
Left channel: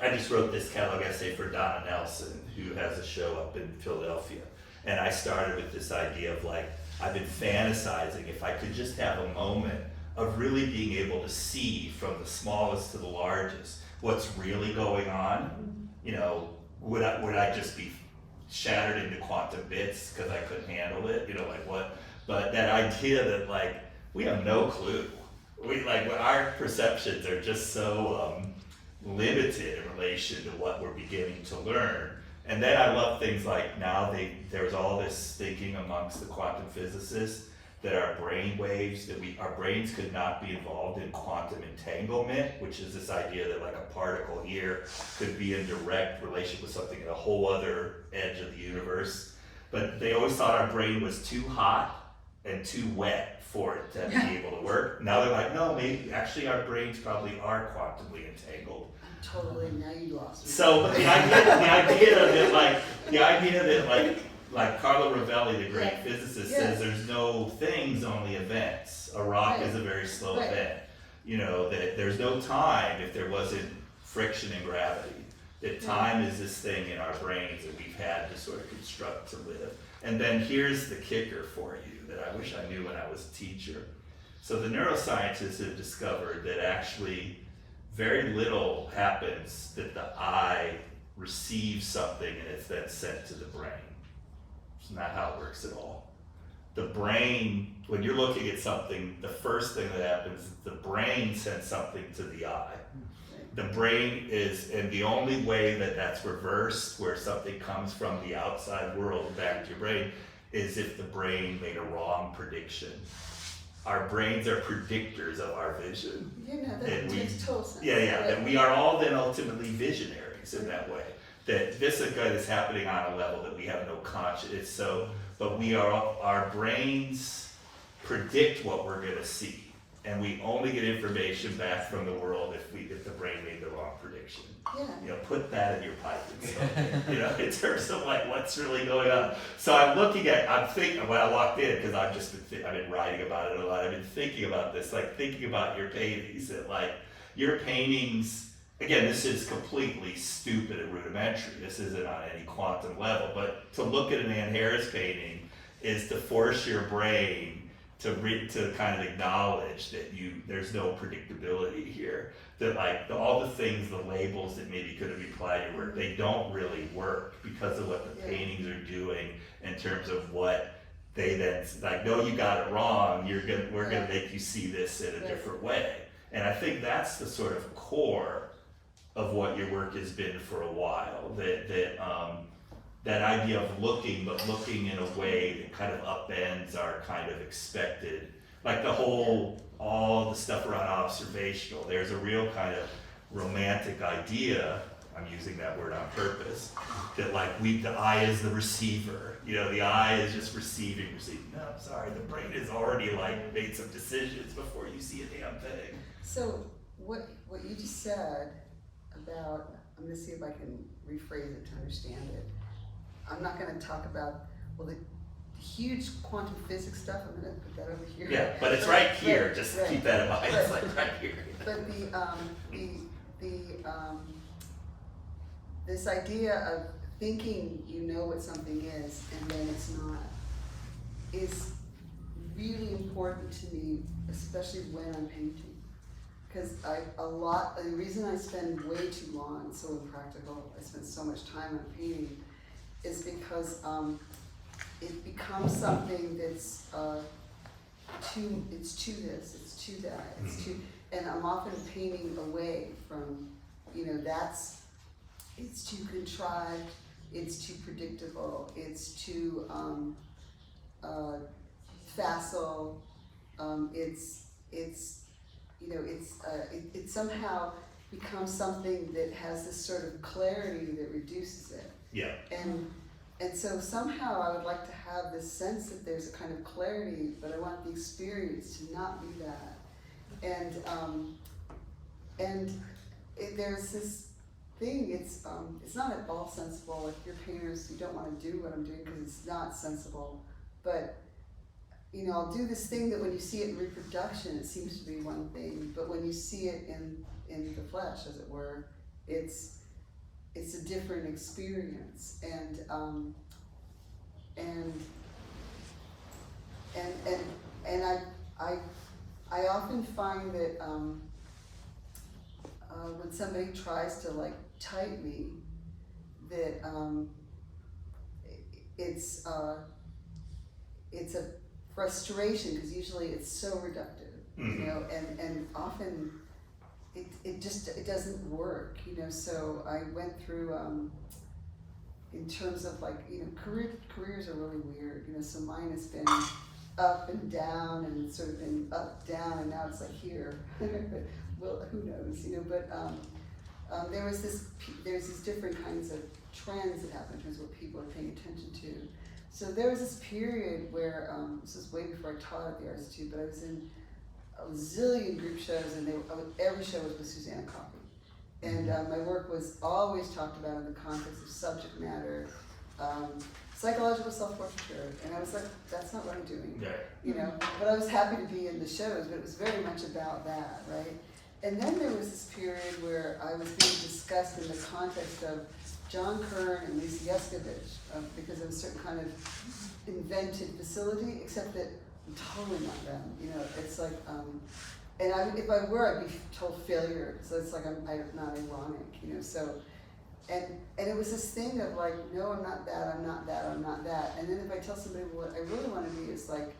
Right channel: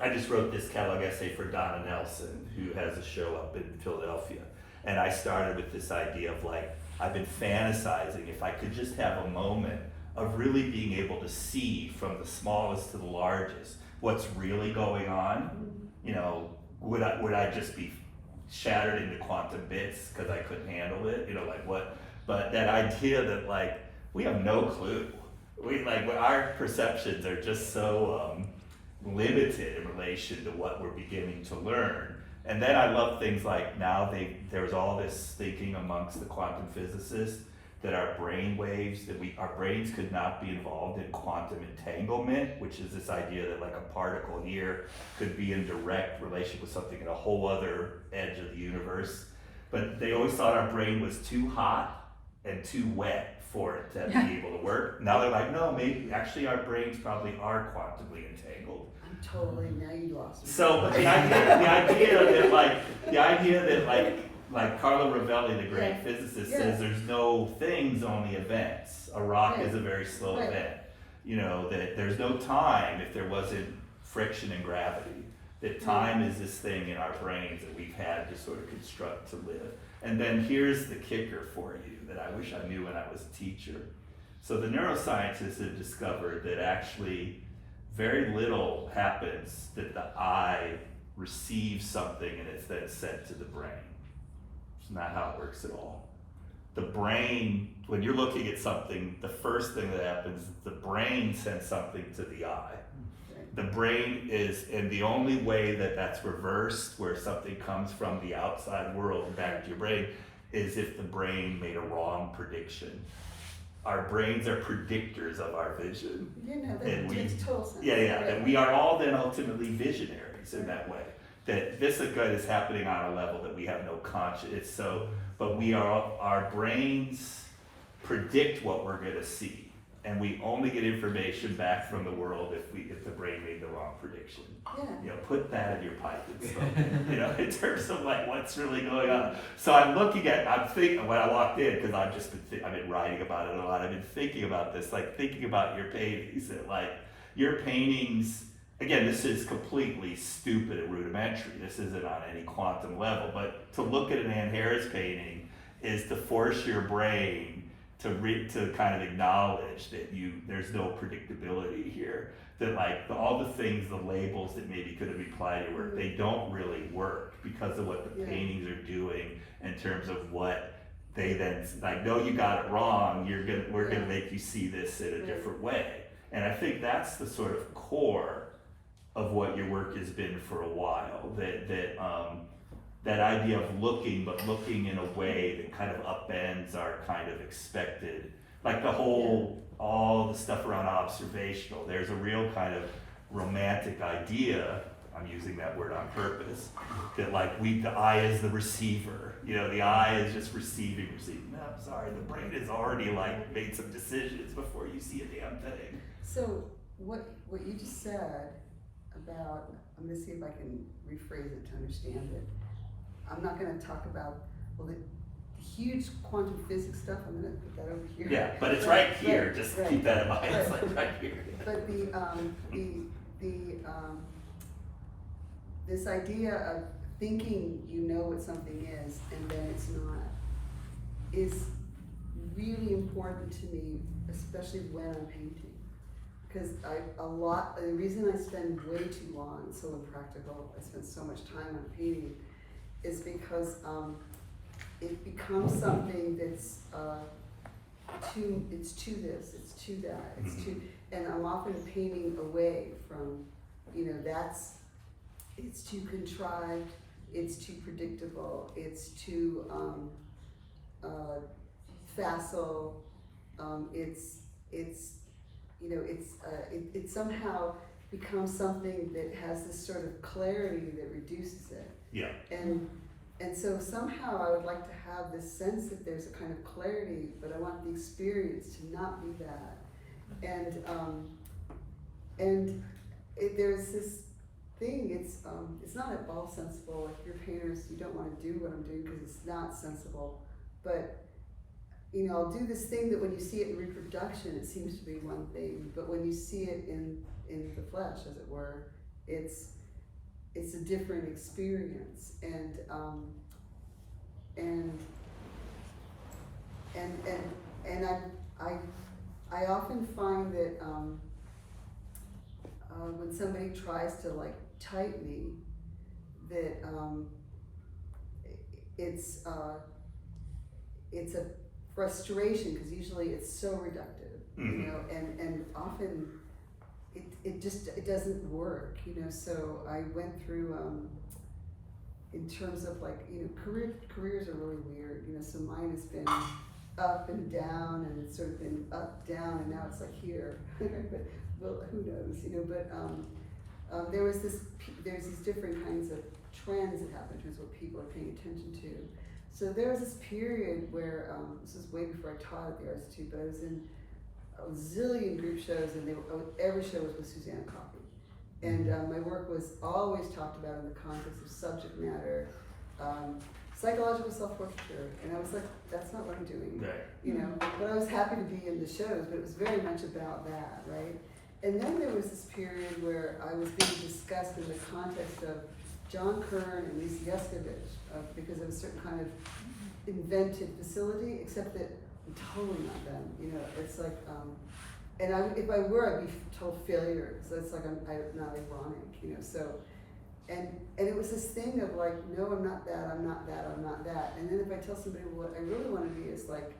I just wrote this catalog essay for Donna Nelson, who has a show up in Philadelphia. And I started with this idea of I've been fantasizing if I could just have a moment of really being able to see from the smallest to the largest what's really going on. Would I just be shattered into quantum bits because I couldn't handle it? What? But that idea that we have no clue. Our perceptions are just so limited in relation to what we're beginning to learn. And then I love things like now there's all this thinking amongst the quantum physicists that our brain waves, our brains could not be involved in quantum entanglement, which is this idea that a particle here could be in direct relation with something at a whole other edge of the universe. But they always thought our brain was too hot and too wet for it to be able to work. Now they're like, no, maybe actually our brains probably are quantumly entangled. Totally, now you lost me. So, but the idea that Carlo Rovelli, the great physicist, says there's no things, only events. A rock is a very slow event. That there's no time if there wasn't friction and gravity. That time is this thing in our brains that we've had to sort of construct to live. And then here's the kicker for you that I wish I knew when I was a teacher. So the neuroscientists have discovered that actually very little happens that the eye receives something and it's then sent to the brain. It's not how it works at all. The brain, when you're looking at something, the first thing that happens is the brain sends something to the eye. The brain is, and the only way that that's reversed, where something comes from the outside world back to your brain, is if the brain made a wrong prediction. Our brains are predictors of our vision. That makes total sense. And we are all then ultimately visionaries in that way. That this is happening on a level that we have no conscience. But our brains predict what we're going to see, and we only get information back from the world if the brain made the wrong prediction. Put that in your pipe and stuff. In terms of what's really going on. So I'm thinking when I walked in, because I've been writing about it a lot. I've been thinking about this, thinking about your paintings. That your paintings, again, this is completely stupid and rudimentary. This isn't on any quantum level. But to look at an Ann Harris painting is to force your brain to kind of acknowledge that there's no predictability here. That all the things, the labels that maybe could have applied to your work, they don't really work because of what the paintings are doing in terms of what they then no, you got it wrong. We're gonna make you see this in a different way. And I think that's the sort of core of what your work has been for a while. That idea of looking in a way that kind of upends our kind of expected, all the stuff around observational. There's a real kind of romantic idea, I'm using that word on purpose, that the eye is the receiver. The eye is just receiving. No, I'm sorry, the brain has already made some decisions before you see a damn thing. So what you just said about, I'm gonna see if I can rephrase it to understand it. I'm not gonna talk about, the huge quantum physics stuff, I'm gonna put that over here. Yeah, but it's right here, just keep that in mind, it's right here. But this idea of thinking you know what something is and then it's not, is really important to me, especially when I'm painting. because and the reason I spend way too long, it's so impractical, I spend so much time on painting, is because it becomes something that's it's to this, it's to that, it's to, and I'm often painting away from, it's too contrived, it's too predictable, it's too facile, it somehow becomes something that has this sort of clarity that reduces it. Yeah. And so somehow I would like to have this sense that there's a kind of clarity, but I want the experience to not be that. There's this thing, it's not at all sensible. If you're painters, you don't want to do what I'm doing because it's not sensible. But I'll do this thing that when you see it in reproduction, it seems to be one thing, but when you see it in the flesh, as it were, it's a different experience. I often find that when somebody tries to like type me, that it's a frustration, because usually it's so reductive, and often it doesn't work, so I went through in terms of like, careers are really weird, so mine has been up and down, and it's sort of been up, down, and now it's like here, but well, who knows, but there's these different kinds of trends that happen in terms of what people are paying attention to. So there was this period where, this was way before I taught at the Arts Institute, but I was in a zillion group shows, and every show was with Suzanne Coffey. And my work was always talked about in the context of subject matter, psychological self-portraiture, and I was like, that's not what I'm doing, but I was happy to be in the shows, but it was very much about that, right? And then there was this period where I was being discussed in the context of John Kern and Lisa Yescovich, because of a certain kind of invented facility, except that I'm totally not them, it's like, and if I were, I'd be told failure, so it's like I'm not ironic, so, and it was this thing of like, no, I'm not that, I'm not that, I'm not that, and then if I tell somebody what I really want to be is like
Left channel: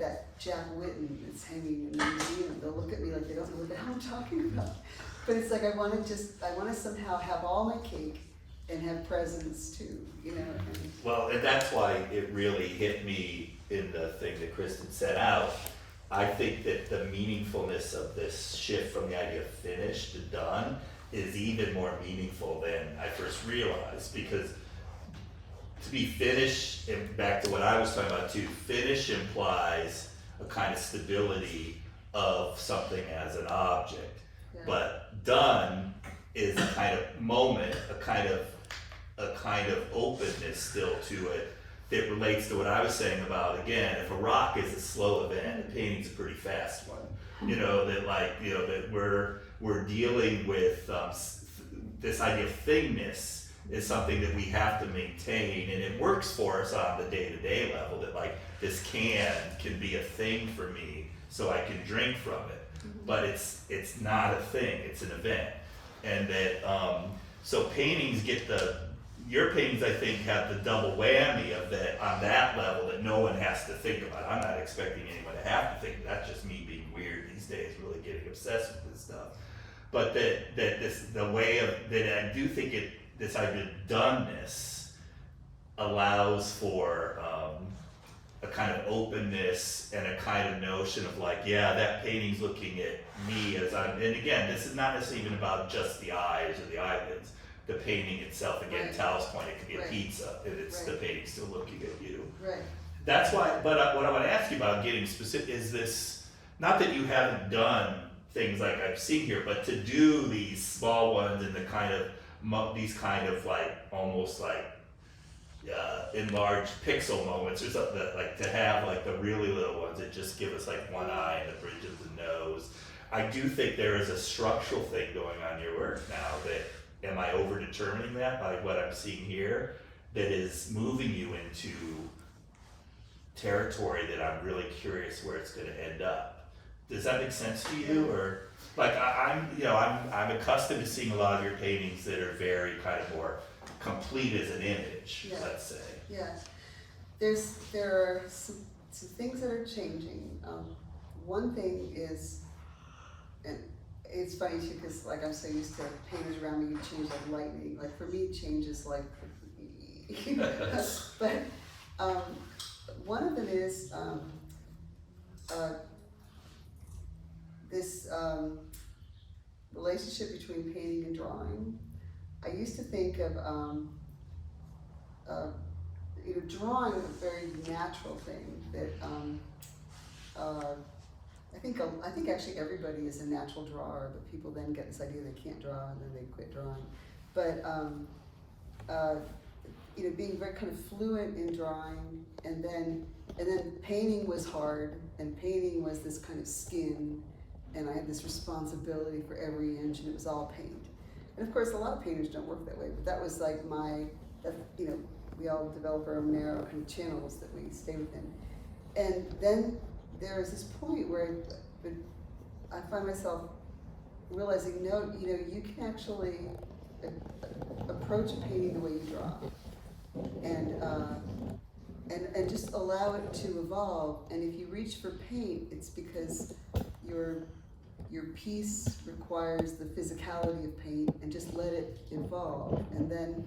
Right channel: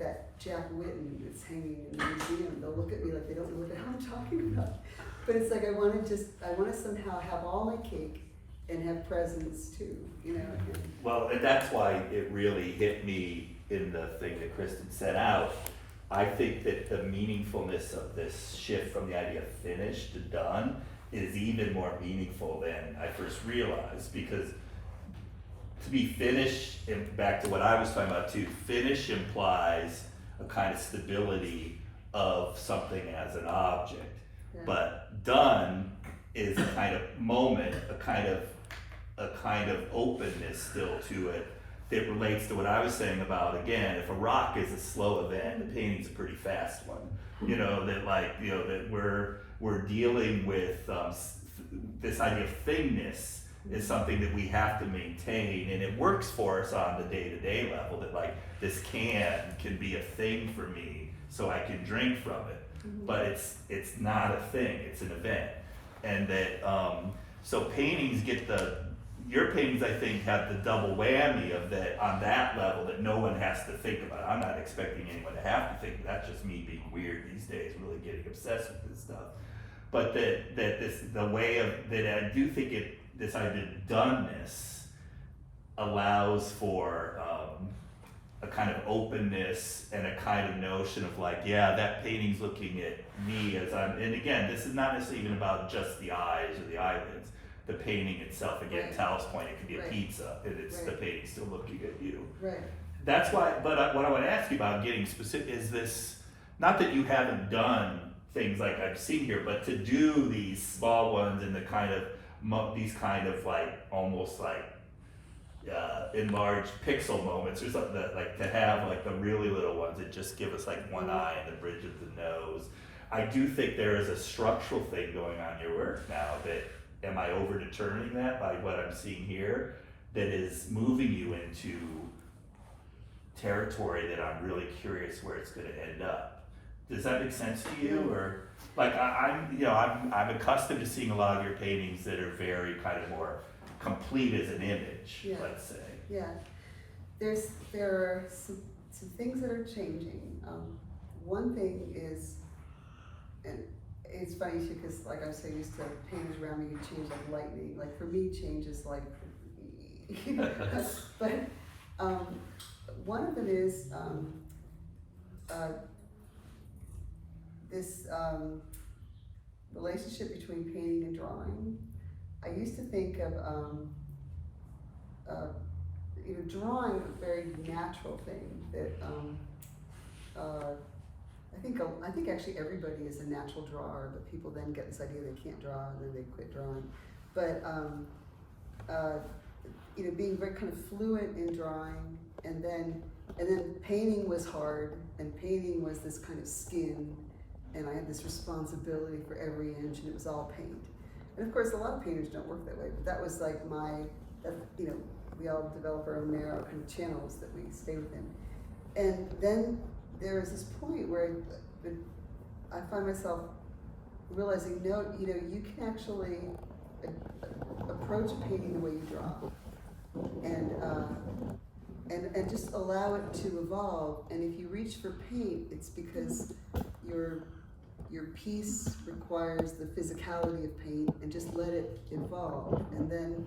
that Jack Whitten that's hanging in the museum, they'll look at me like they don't know what the hell I'm talking about. But it's like I want to somehow have all my cake and have presents too, Well, and that's why it really hit me in the thing that Kristen set out. I think that the meaningfulness of this shift from the idea of finished to done is even more meaningful than I first realized, because to be finished, and back to what I was talking about too, finish implies a kind of stability of something as an object. Yeah. But done is a kind of moment, a kind of openness still to it that relates to what I was saying about, again, if a rock is a slow event, a painting's a pretty fast one. That we're dealing with this idea of thingness is something that we have to maintain, and it works for us on the day-to-day level, that like this can be a thing for me so I can drink from it, but it's not a thing, it's an event. And that so paintings your paintings, I think, have the double whammy of that, on that level, that no one has to think about. I'm not expecting anyone to have to think, that's just me being weird these days, really getting obsessed with this stuff. But I do think this idea of doneness allows for a kind of openness and a kind of notion of like, yeah, that painting's looking at me as and again, this is not necessarily even about just the eyes or the eyelids. The painting itself, again, Right. Tal's point, it could be a Right. pizza, and it's the painting still looking at you. Right. That's why, but what I want to ask you about getting specific is this, not that you haven't done things like I've seen here, but to do these small ones and these kind of like, almost like enlarged pixel moments or something, that like to have like the really little ones that just give us like one eye and the bridge of the nose. I do think there is a structural thing going on in your work now that, am I over determining that by what I'm seeing here, that is moving you into territory that I'm really curious where it's going to end up. Does that make sense to you? Or like I'm accustomed to seeing a lot of your paintings that are very kind of more complete as an image, Yeah. let's say. Yeah, there are some things that are changing. One thing is, and it's funny too, because like I'm so used to painters around me, you change like lightning. Like for me, change is like, but one of them is this relationship between painting and drawing. I used to think of drawing a very natural thing that I think actually everybody is a natural drawer, but people then get this idea they can't draw and then they quit drawing. But being very kind of fluent in drawing, and then painting was hard, and painting was this kind of skin, and I had this responsibility for every inch, and it was all paint. And of course, a lot of painters don't work that way, but that was like we all develop our own narrow kind of channels that we stay within. And then there is this point where I find myself realizing, you can actually approach a painting the way you draw, and just allow it to evolve. And if you reach for paint, it's because your piece requires the physicality of paint, and just let it evolve. And then,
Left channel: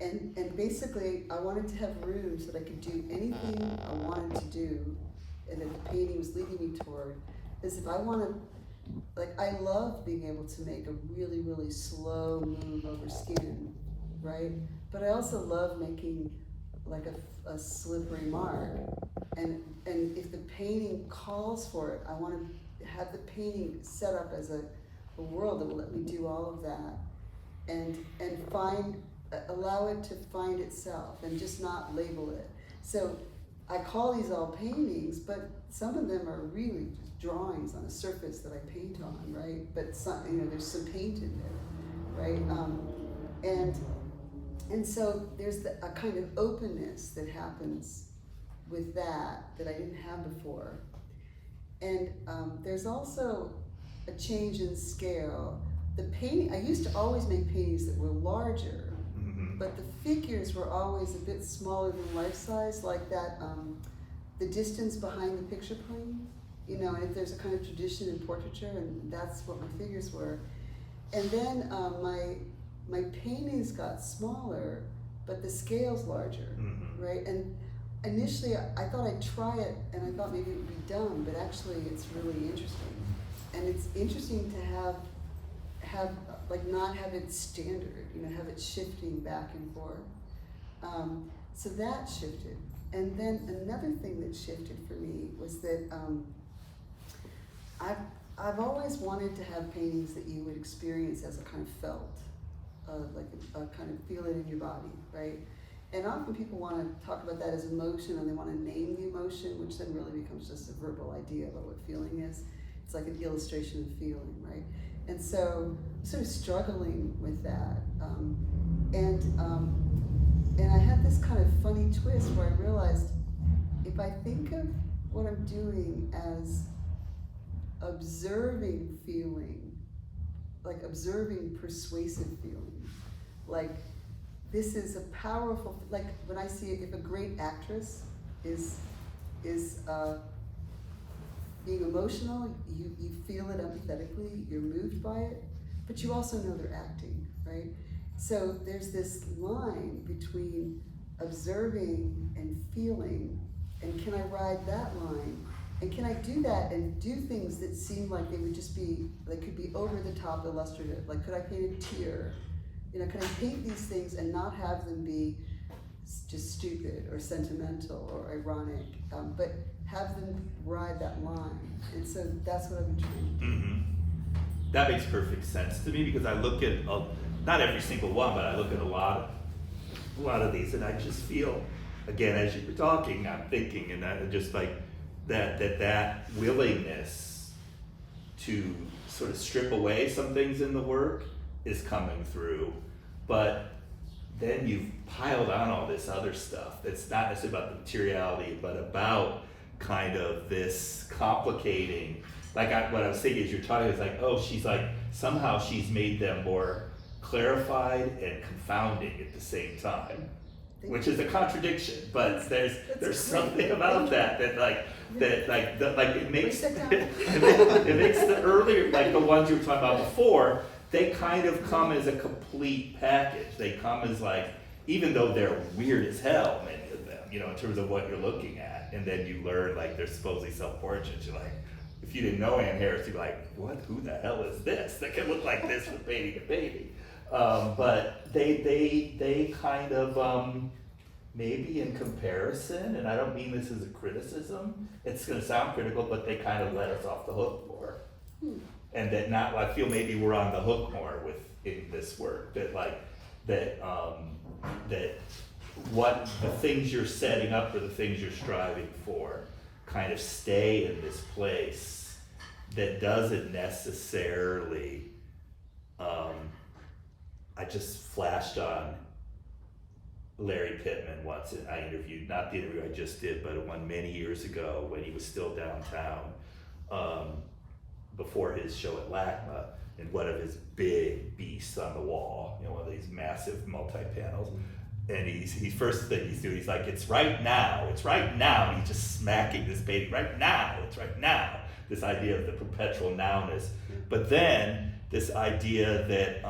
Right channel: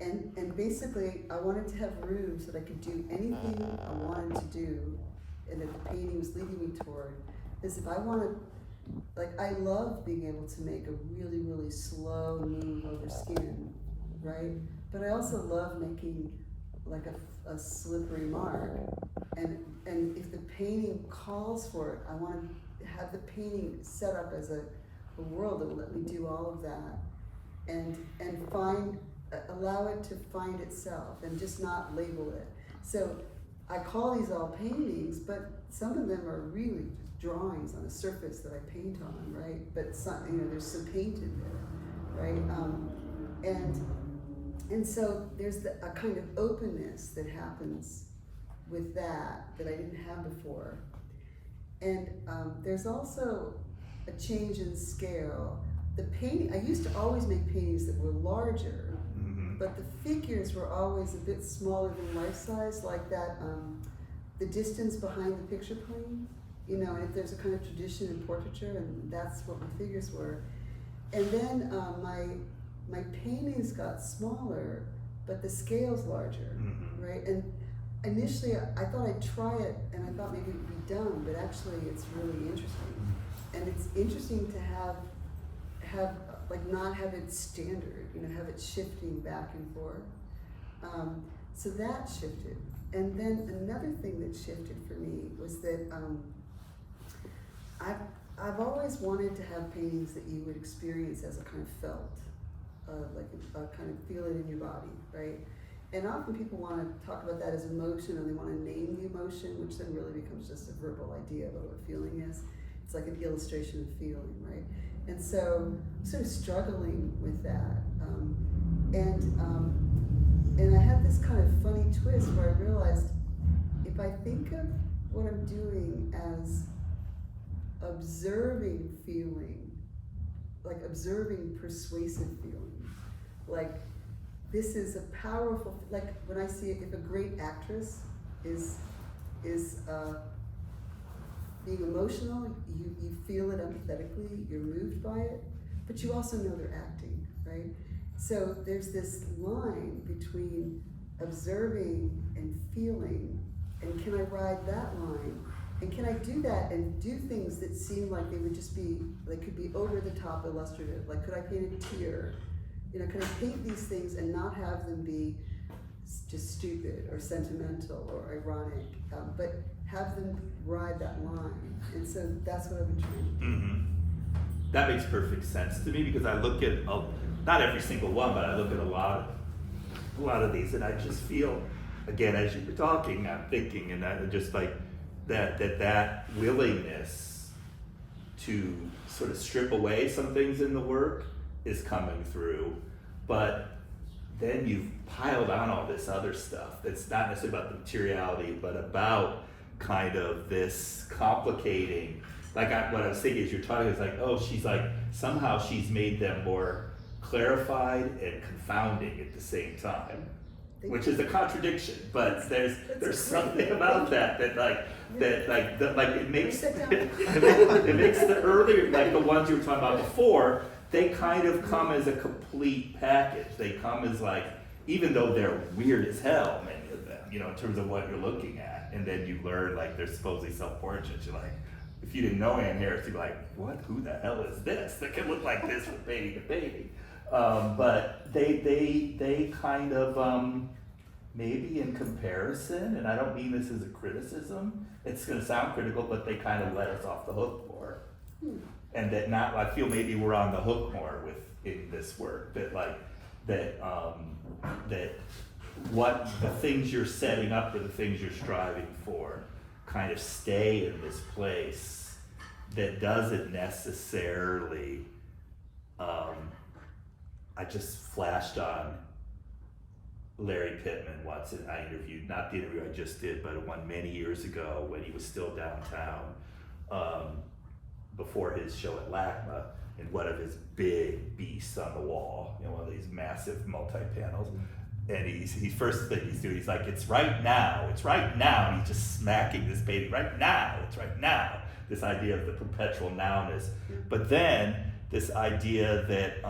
and basically, I wanted to have room so that I could do anything I wanted to do, and that the painting was leading me toward. Because if I wanted, I love being able to make a really, really slow move over skin, right? But I also love making like a slippery mark. And if the painting calls for it, I want to have the painting set up as a world that will let me do all of that, and allow it to find itself, and just not label it. So I call these all paintings, but some of them are really just drawings on a surface that I paint on, right? But some, there's some paint in there, right? And so there's a kind of openness that happens with that I didn't have before. And there's also a change in scale. The painting, I used to always make paintings that were larger, but the figures were always a bit smaller than life size, like that, the distance behind the picture plane, and if there's a kind of tradition in portraiture, and that's what my figures were. And then my paintings got smaller, but the scale's larger, right? And initially I thought I'd try it, and I thought maybe it would be dumb, but actually it's really interesting. And it's interesting to have not have it standard, have it shifting back and forth. So that shifted. And then another thing that shifted for me was that I've always wanted to have paintings that you would experience as a kind of felt, like a kind of feel it in your body, right? And often people want to talk about that as emotion, and they want to name the emotion, which then really becomes just a verbal idea about what feeling is. It's like an illustration of feeling, right? And so I'm sort of struggling with that. And I had this kind of funny twist where I realized, if I think of what I'm doing as observing feeling, like observing persuasive feeling, like this is a powerful, like when I see it, if a great actress is being emotional, you feel it empathetically, you're moved by it, but you also know they're acting, right? So there's this line between observing and feeling, and can I ride that line? And can I do that and do things that seem like they would just be, they could be over the top illustrative? Like, could I paint a tear? Could I paint these things and not have them be just stupid or sentimental or ironic, but have them ride that line? And so that's what I've been trying to do. That makes perfect sense to me, because I look at, not every single one, but I look at a lot of these, and I just feel, again, as you were talking, I'm thinking, and I just like that willingness to sort of strip away some things in the work is coming through, but then you've piled on all this other stuff that's not necessarily about the materiality, but about kind of this complicating like what I was thinking is you're talking, it's like, oh, she's like, somehow she's made them more clarified and confounding at the same time, which is a contradiction, but there's great. something about that like it makes Write that down. it makes the earlier, like the ones you were talking about before, they kind of come as a complete package. They come as like, even though they're weird as hell, many of them, you know, in terms of what you're looking at, and then you learn like they're supposedly self-portraits. You're like, if you didn't know Ann Harris, you'd be like, what? Who the hell is this that can look like this from baby to baby? But they kind of maybe in comparison, and I don't mean this as a criticism. It's going to sound critical, but they kind of let us off the hook more, and that not. I feel maybe we're on the hook more with this work. That like that what the things you're setting up or the things you're striving for kind of stay in this place that doesn't necessarily. I just flashed on Larry Pittman once, and I interviewed, not the interview I just did, but one many years ago when he was still downtown, before his show at LACMA, and one of his big beasts on the wall, you know, one of these massive multi-panels. And he's first thing he's doing, he's like, it's right now, and he's just smacking this baby, right now, it's right now. This idea of the perpetual nowness. But then this idea that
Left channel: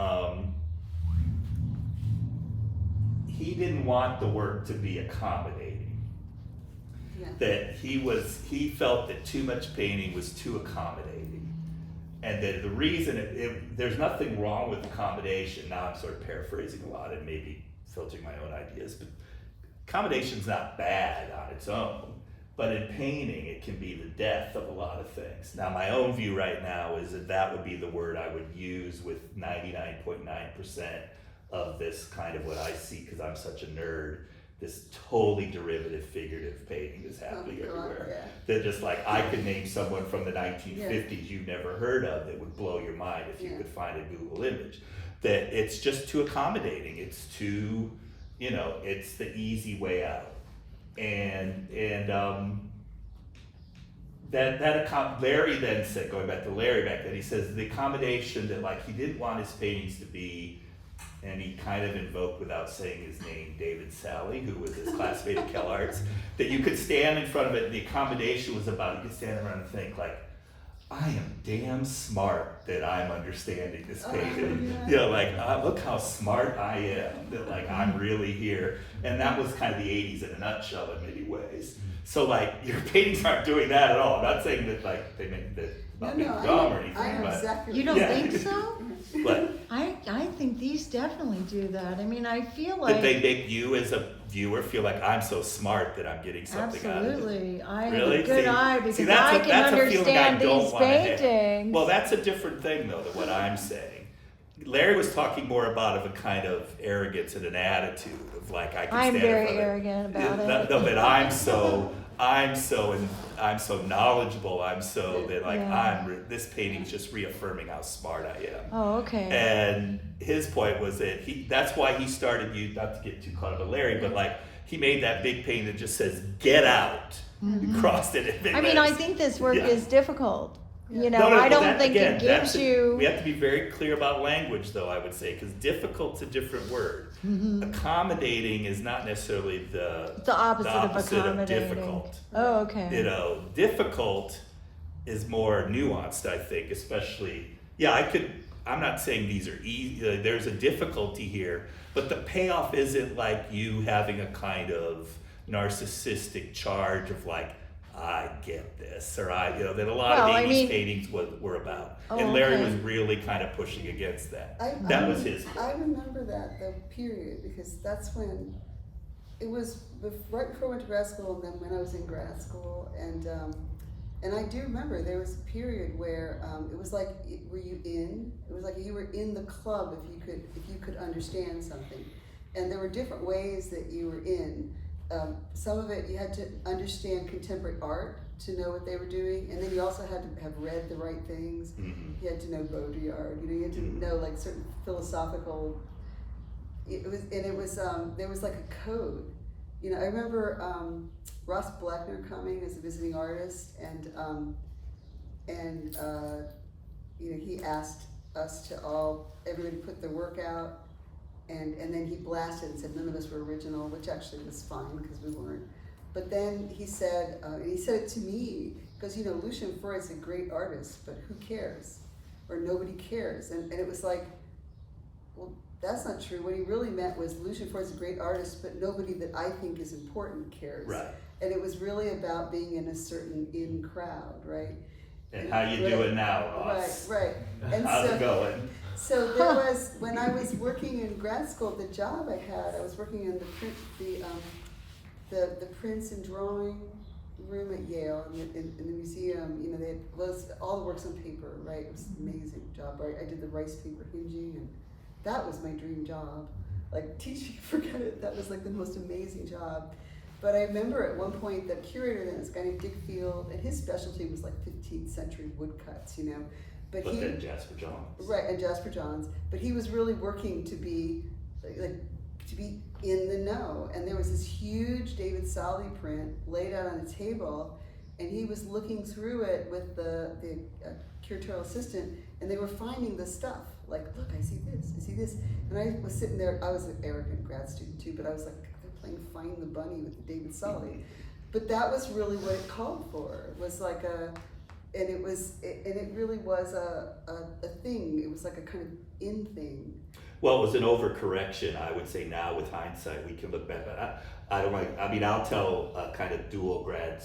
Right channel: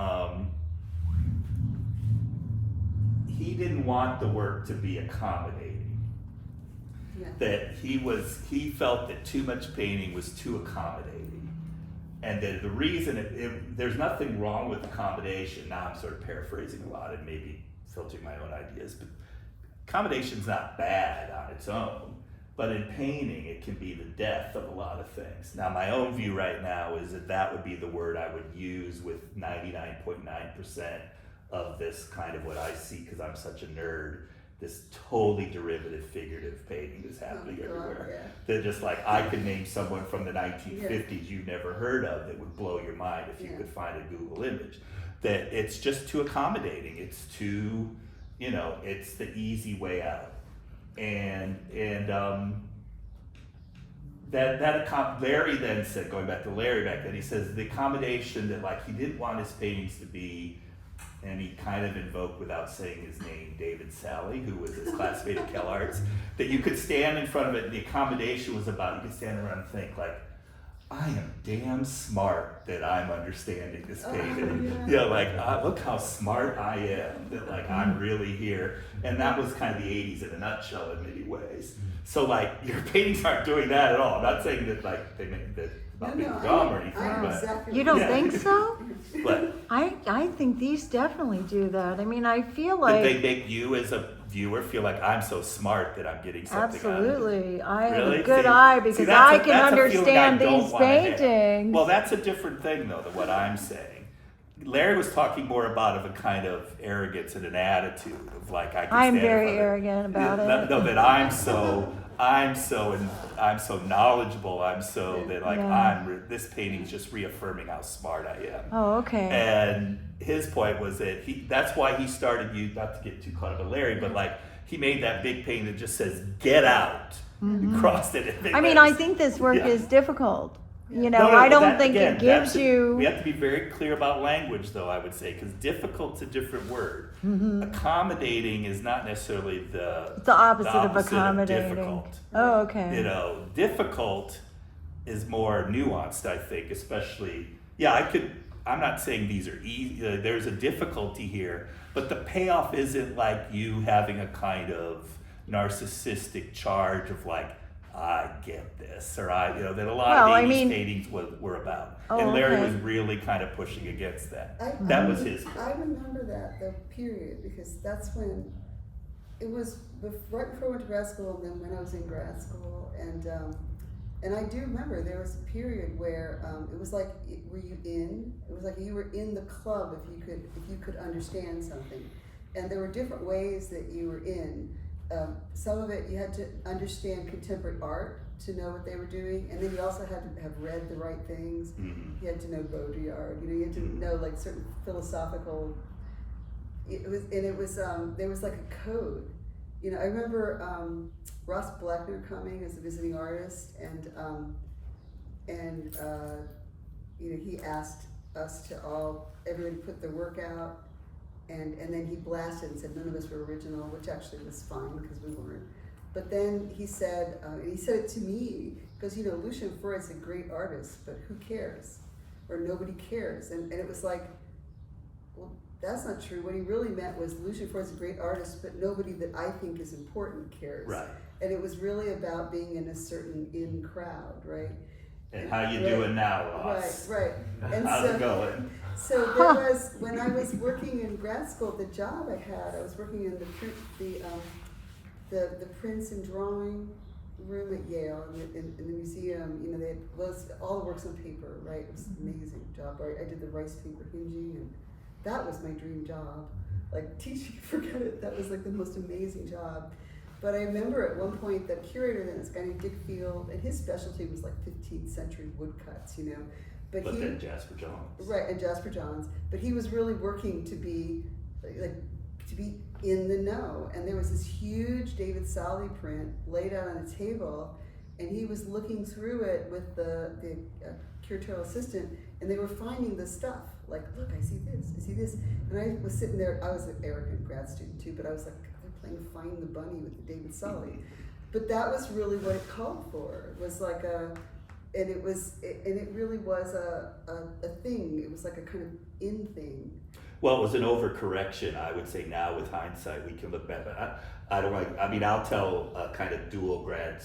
he didn't want the work to be accommodating. Yeah. That he felt that too much painting was too accommodating. And that the reason, there's nothing wrong with accommodation. Now I'm sort of paraphrasing a lot and maybe filtering my own ideas, but accommodation's not bad on its own. But in painting, it can be the death of a lot of things. Now, my own view right now is that would be the word I would use with 99.9% of this kind of what I see, because I'm such a nerd, this totally derivative, figurative painting that's happening everywhere. Yeah. That just like, I could name someone from the 1950s you've never heard of that would blow your mind if you could find a Google image. That it's just too accommodating. It's too, you know, it's the easy way out. Larry then said, going back to Larry back then, he says the accommodation that like he didn't want his paintings to be, and he kind of invoked without saying his name, David Sally, who was his classmate at CalArts, that you could stand in front of it, and the accommodation was about, you could stand around and think like, I am damn smart that I'm understanding this painting. Yeah. You know, like, look how smart I am, that like I'm really here. And that was kind of the 80s in a nutshell in many ways. So like, your paintings aren't doing that at all. I'm not saying that like, they make that about being dumb or anything, I know but. exactly You don't think so? But I think these definitely do that. I mean, I feel like. did they make you as a viewer feel like I'm so smart that I'm getting something out of it? Absolutely. I have Really? a good See- eye because see, that's I a- can that's a feeling I understand don't these wanna have. paintings. Well, that's a different thing though than what I'm saying. Larry was talking more about of a kind of arrogance and an attitude of like I can I'm stand in very front of arrogant about it. No, that I'm so knowledgeable. I'm so that like Yeah. this painting's just reaffirming how smart I am. Oh, okay. And his point was that that's why he started, you not to get too caught up with Larry, but like he made that big painting that just says "Get out," crossed it. I mean, I think this work Yeah. is difficult. You know, No, I but don't think again, it gives you. We have to be very clear about language, though. I would say because difficult's a different word. Accommodating is not necessarily the opposite of accommodating. difficult. Oh, okay. You know, difficult is more nuanced, I think, especially, I'm not saying these are easy, there's a difficulty here, but the payoff isn't like you having a kind of narcissistic charge of like, I get this, or that a lot of Well, I 80s mean- paintings were about. Oh, And Larry okay. was really kind of pushing against that. That was his. I remember that, the period, because that's when, it was right before I went to grad school, and then when I was in grad school, and I do remember there was a period where it was like, were you in? It was like you were in the club if you could understand something, and there were different ways that you were in. Some of it you had to understand contemporary art to know what they were doing, and then you also had to have read the right things. Mhm. You had to know Baudrillard. You had to know like certain philosophical. There was like a code. I remember Ross Bleckner coming as a visiting artist, and and you know, he asked us to all, everybody put their work out, and then he blasted and said none of us were original, which actually was fine because we weren't. But then he said, and he said it to me, because you know, Lucian Freud's a great artist, but who cares? Or nobody cares. And it was like, well, that's not true. What he really meant was Lucian Freud's a great artist, but nobody that I think is important cares. Right. And it was really about being in a certain in crowd, right? And how you doing now, Ross? Right. And How's it going? So there was, when I was working in grad school, the job I had, I was working in the prints and drawing room at Yale, in the museum. You know, they had all the works on paper, right? It was an amazing job. I did the rice paper hinging, and that was my dream job. Like, teaching, forget it, that was like the most amazing job. But I remember at one point the curator then, this guy named Dick Field, and his specialty was like 15th century woodcuts, you know. But then Jasper Johns. Right, and Jasper Johns. But he was really working to be in the know. And there was this huge David Solly print laid out on the table, and he was looking through it with the curatorial assistant, and they were finding the stuff. Like, look, I see this. And I was sitting there, I was an arrogant grad student too, but I was like, they're playing Find the Bunny with the David Solly. But that was really what it called for. It was like and it really was a thing. It was like a kind of in thing. Well, it was an overcorrection, I would say. Now with hindsight, we can look back. But I don't like, I mean, I'll tell a kind of dual grad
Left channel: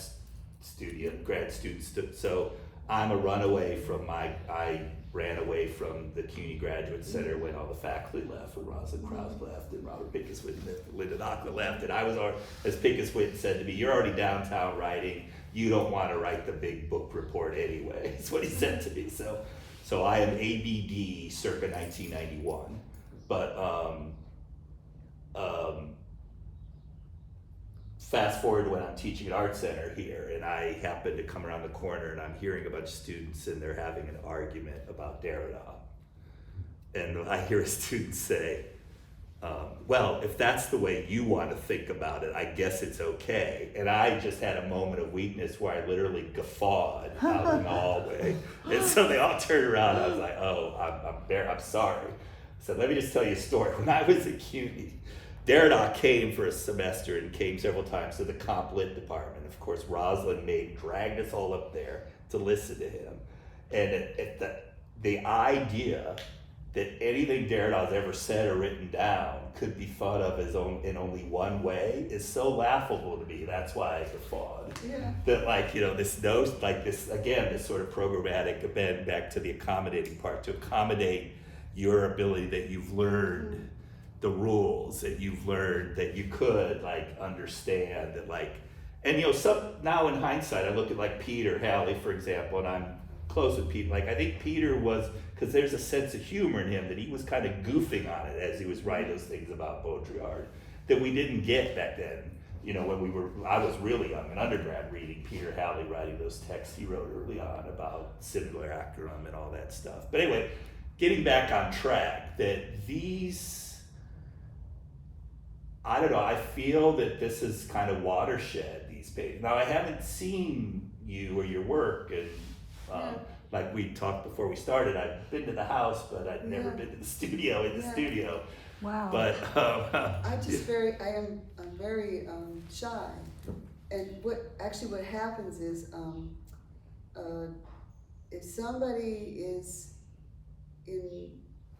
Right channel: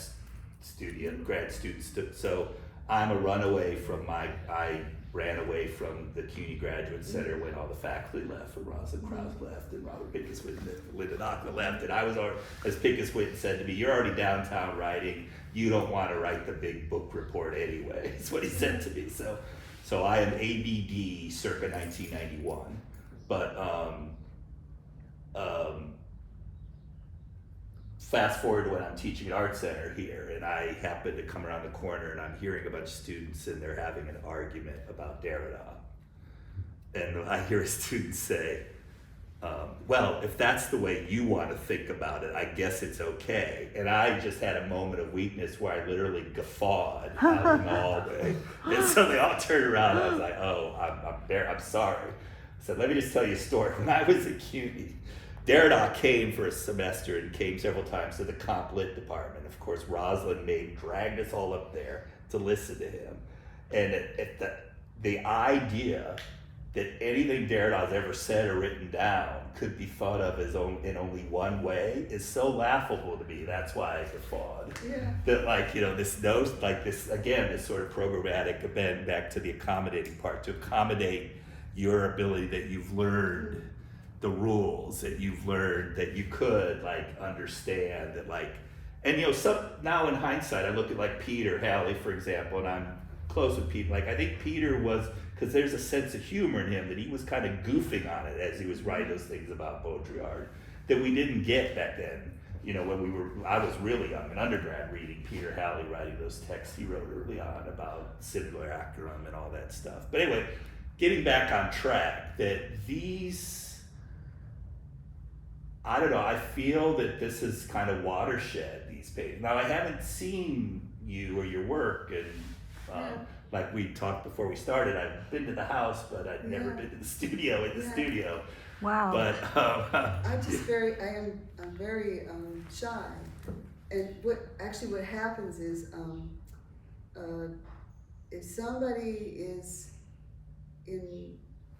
students. So I'm a runaway from I ran away from the CUNY Graduate Center when all the faculty left, when Rosalind Krause left, and Robert Pincus-Witten and Linda Nachman left, and I was, as Pincus-Witten said to me, you're already downtown writing, you don't want to write the big book report anyway, is what he said to me. So I am ABD circa 1991, but fast forward to when I'm teaching at Art Center here, and I happen to come around the corner and I'm hearing a bunch of students and they're having an argument about Derrida. And I hear a student say, well, if that's the way you want to think about it, I guess it's okay. And I just had a moment of weakness where I literally guffawed out in the hallway. And so they all turned around and I was like, oh, I'm sorry. I said, let me just tell you a story. When I was at CUNY, Derrida came for a semester and came several times to the comp lit department. Of course, Rosalind dragged us all up there to listen to him. And the idea that anything Derrida's ever said or written down could be thought of as in only one way is so laughable to me. That's why I guffawed. Yeah. That, like, you know, this sort of programmatic event, back to the accommodating part, to accommodate your ability that you've learned the rules, that you've learned that you could like understand that, like, and you know, now in hindsight I look at like Peter Halley, for example, and I'm close with Peter. Like, I think Peter was, because there's a sense of humor in him, that he was kind of goofing on it as he was writing those things about poetry art that we didn't get back then. You know, when I was really young, an undergrad, reading Peter Halley writing those texts he wrote early on about simulacrum and all that stuff. But anyway, getting back on track, that I don't know, I feel that this is kind of watershed, these pages. Now, I haven't seen you or your work, and like we talked before we started, I've been to the house, but I've never been to the studio, studio. Wow. But I'm very shy. And what happens is, if somebody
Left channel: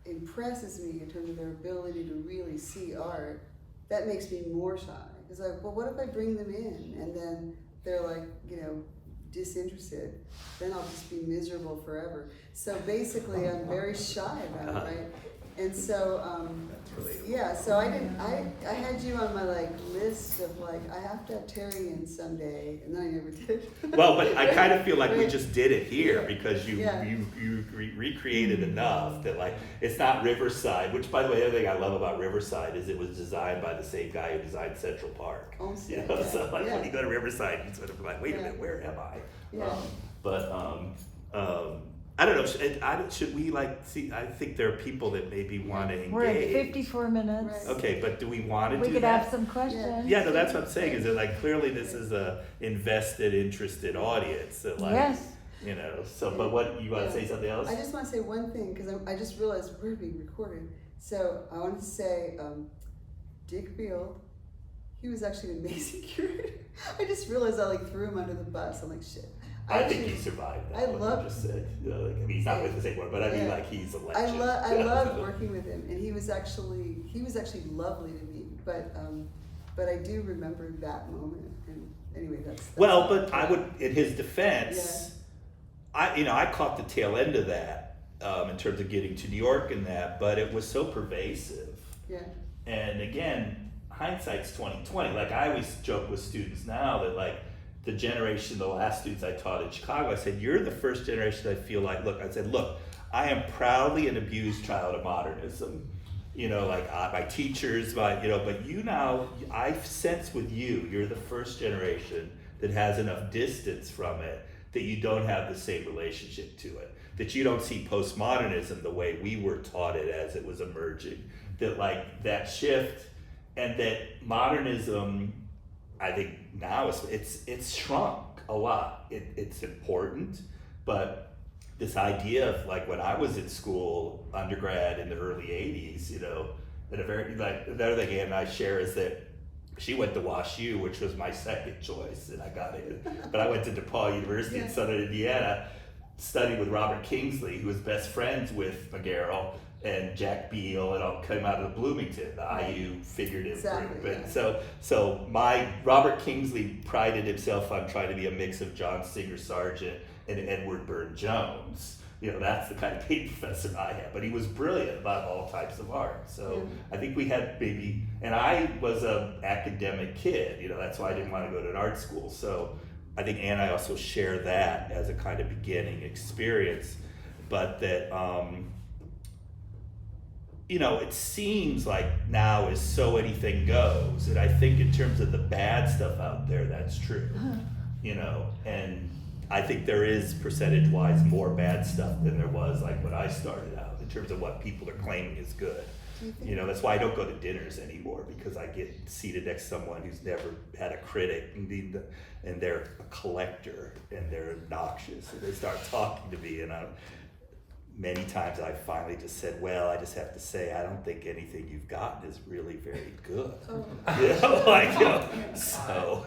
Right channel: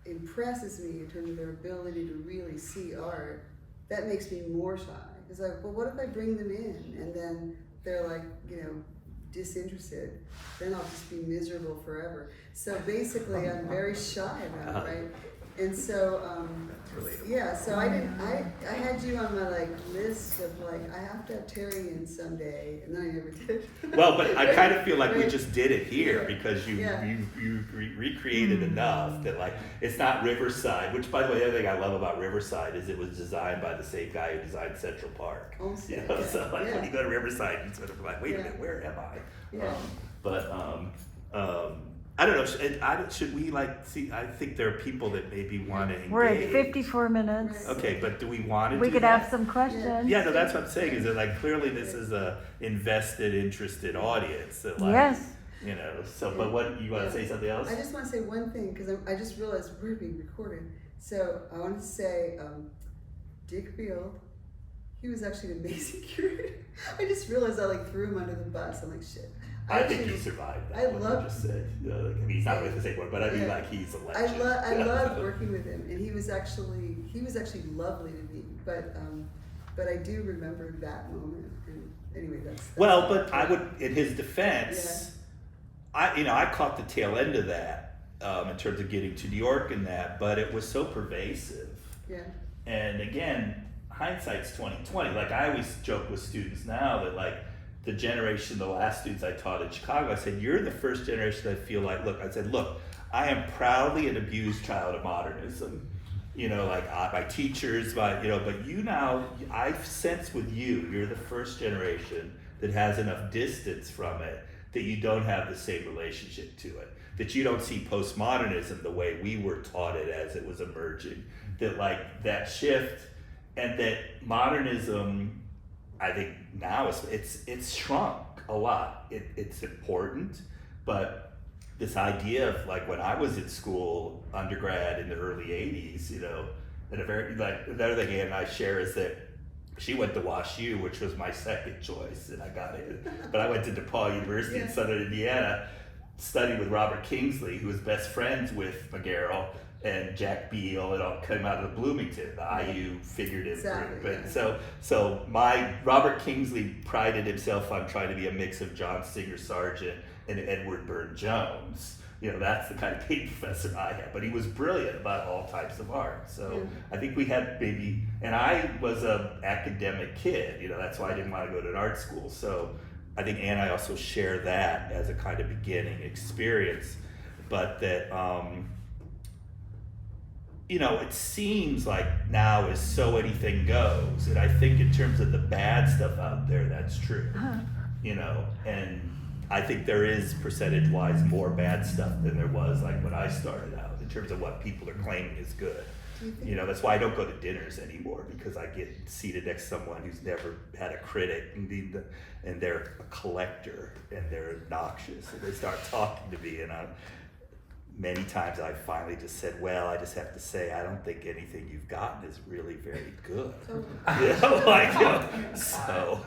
impresses me in terms of their ability to really see art, that makes me more shy. It's like, well, what if I bring them in and then they're like, you know, disinterested? Then I'll just be miserable forever. So basically, I'm very shy about it, right? And so, so I had you on my like list of like, I have to have Terry in someday, and then I never did. Well, but I kind of feel like we just did it here because you recreated enough that, like, it's not Riverside, which, by the way, the other thing I love about Riverside is it was designed by the same guy who designed Central Park. Oh, you know? So like when you go to Riverside, you sort of like, wait a minute, where am I? Yeah. I don't know. Should we like see? I think there are people that maybe want to engage. We're at 54 minutes. Right. Okay, but do we want to do that? We could have some questions. Yeah, no, that's what I'm saying. Is that, like, clearly this is a invested, interested audience. That, like, Yes. you know, so, but what, you wanna say something else? I just want to say one thing, because I just realized we're being recorded. So I wanted to say, Dick Field, he was actually an amazing curator. I just realized I like threw him under the bus. I'm like, shit. I think he survived that, I what love- you just said. I mean, he's not with us anymore, but I mean, Yeah. like, he's a I legend. loved working with him, and he was actually lovely to me. But I do remember that moment. And anyway, that's Well, but I would, in his defense, Yeah. I caught the tail end of that, in terms of getting to New York and that, but it was so pervasive. Yeah. And again, hindsight's 2020. Like, I always joke with students now that, like, the generation, the last students I taught in Chicago, I said, you're the first generation I feel like, look, I am proudly an abused child of modernism. You know, like, my teachers, but you now, I sense with you, you're the first generation that has enough distance from it that you don't have the same relationship to it. That you don't see postmodernism the way we were taught it as it was emerging. That, like, that shift, and that modernism, I think now it's shrunk a lot. It's important, but this idea of, like, when I was in school, undergrad in the early 80s, and another thing Ann and I share is that she went to WashU, which was my second choice, and I got in. But I went to DePaul University in Southern Indiana, studied with Robert Kingsley, who was best friends with McGarrell and Jack Beal, and all came out of Bloomington, the IU figurative Exactly, group. And yeah. so my Robert Kingsley prided himself on trying to be a mix of John Singer Sargent and Edward Burne Jones. That's the kind of paint professor I had, but he was brilliant about all types of art. So I think we had maybe, and I was a academic kid, that's why I didn't want to go to an art school. So I think Ann and I also share that as a kind of beginning experience, but that, it seems like now is so anything goes, and I think in terms of the bad stuff out there, that's true, and I think there is percentage-wise more bad stuff than there was like when I started out in terms of what people are claiming is good. Do you think That's why I don't go to dinners anymore, because I get seated next to someone who's never had a critic, and they're a collector, and they're obnoxious, and they start talking to me, and many times I finally just said, well, I just have to say, I don't think anything you've gotten is really very good. So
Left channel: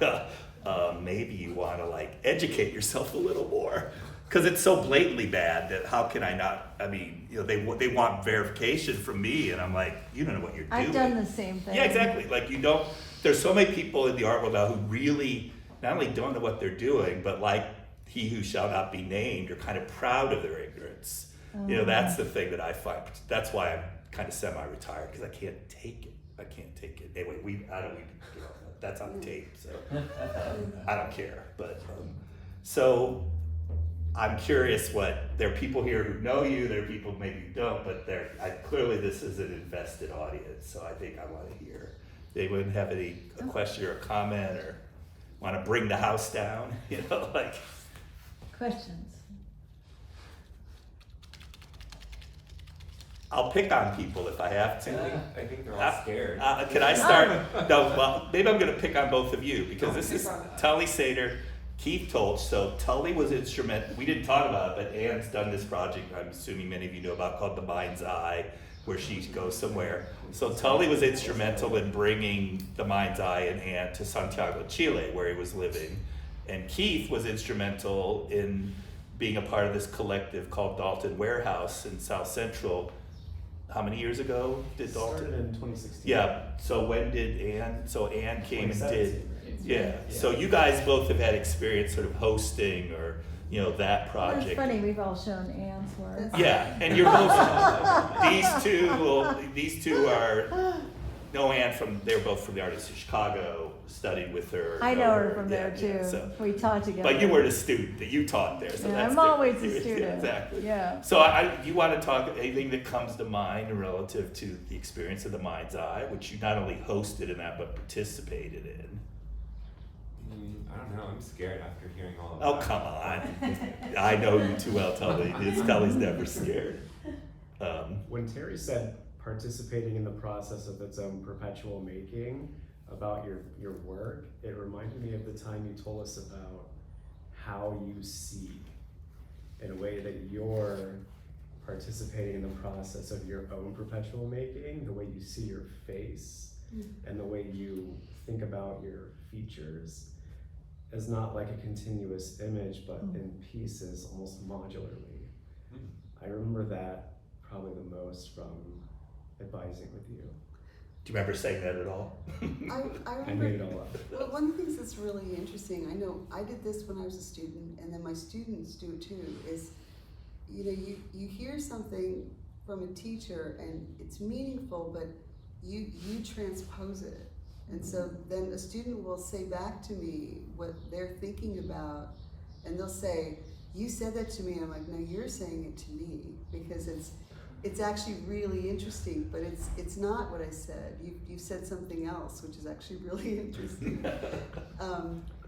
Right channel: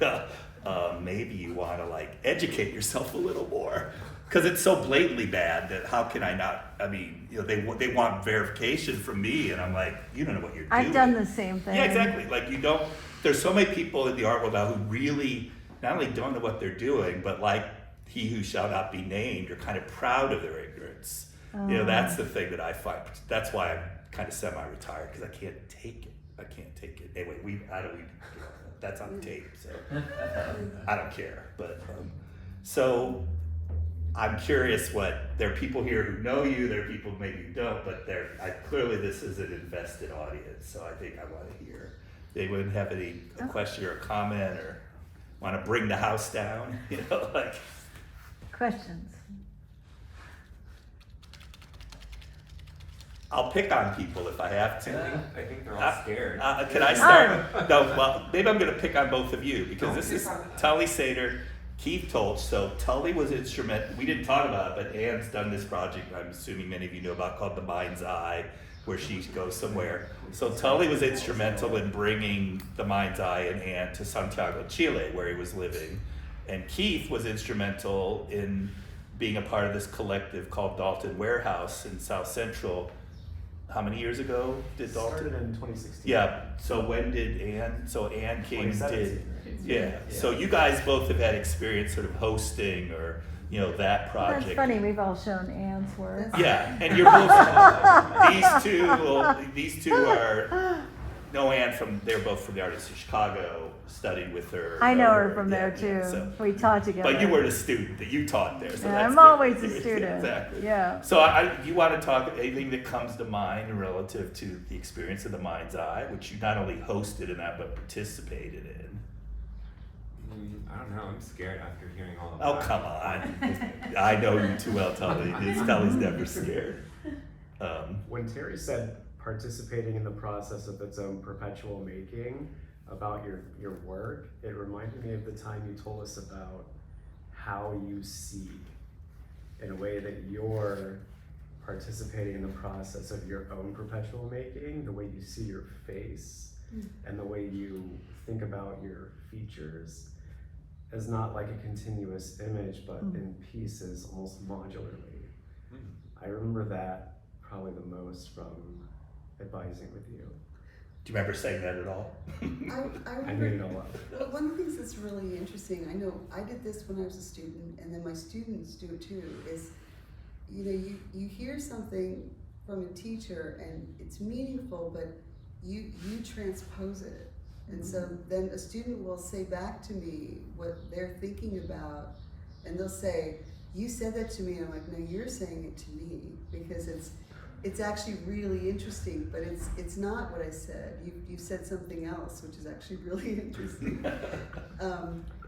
maybe you want to educate yourself a little more, because it's so blatantly bad that how can I not? I mean, they want verification from me, and I'm like, you don't know what you're doing. I've done the same thing. Yeah, exactly. Like, you don't. There's so many people in the art world now who really not only don't know what they're doing, but like he who shall not be named, are kind of proud of their ignorance. That's the thing that I find. That's why I'm kind of semi-retired, because I can't take it. Anyway, that's on tape, so I don't care. But so I'm curious there are people here who know you, there are people maybe who don't, but clearly this is an invested audience, so I think I want to hear. They wouldn't have a question or a comment, or want to bring the house down, Questions? I'll pick on people if I have to. I think they're all scared. Can I start? No, well, maybe I'm going to pick on both of you, because this is Tully Sater, Keith Tolch. So Tully was instrumental. We didn't talk about it, but Ann's done this project, I'm assuming many of you know about, called The Mind's Eye, where she goes somewhere. So Tully was instrumental in bringing The Mind's Eye and Ann to Santiago, Chile, where he was living. And Keith was instrumental in being a part of this collective called Dalton Warehouse in South Central. How many years ago did Dalton? Started in 2016. Yeah, so when did Ann, so Ann came and did, 2017. yeah. So you guys both have had experience sort of hosting or, that project. That's funny, we've all shown Anne's work. Yeah, and you're both, these two are, know Ann they're both from the Artists of Chicago, studied with her. I know her from yeah, there too. yeah, so. We taught together. But you weren't a student, that you taught there, so Yeah, that's I'm different. always a Yeah, student. exactly. Yeah. So you want to talk anything that comes to mind relative to the experience of The Mind's Eye, which you not only hosted in that, but participated in? I don't know, I'm scared after hearing all of that. Oh, come on. I know you too well, Tully. Tully's never scared. When Terry said participating in the process of its own perpetual making about your work, it reminded me of the time you told us about how you see in a way that you're participating in the process of your own perpetual making, the way you see your face, and the way you think about your features is not like a continuous image, but in pieces, almost modularly. I remember that probably the most from advising with you. Do you remember saying that at all? I I remember. made it all up. Well, one of the things that's really interesting, I know I did this when I was a student, and then my students do it too, is, you know, you hear something from a teacher and it's meaningful, but you transpose it. And so then a student will say back to me what they're thinking about, and they'll say, you said that to me, and I'm like, no, you're saying it to me, because it's actually really interesting, but it's not what I said. You've said something else, which is actually really interesting.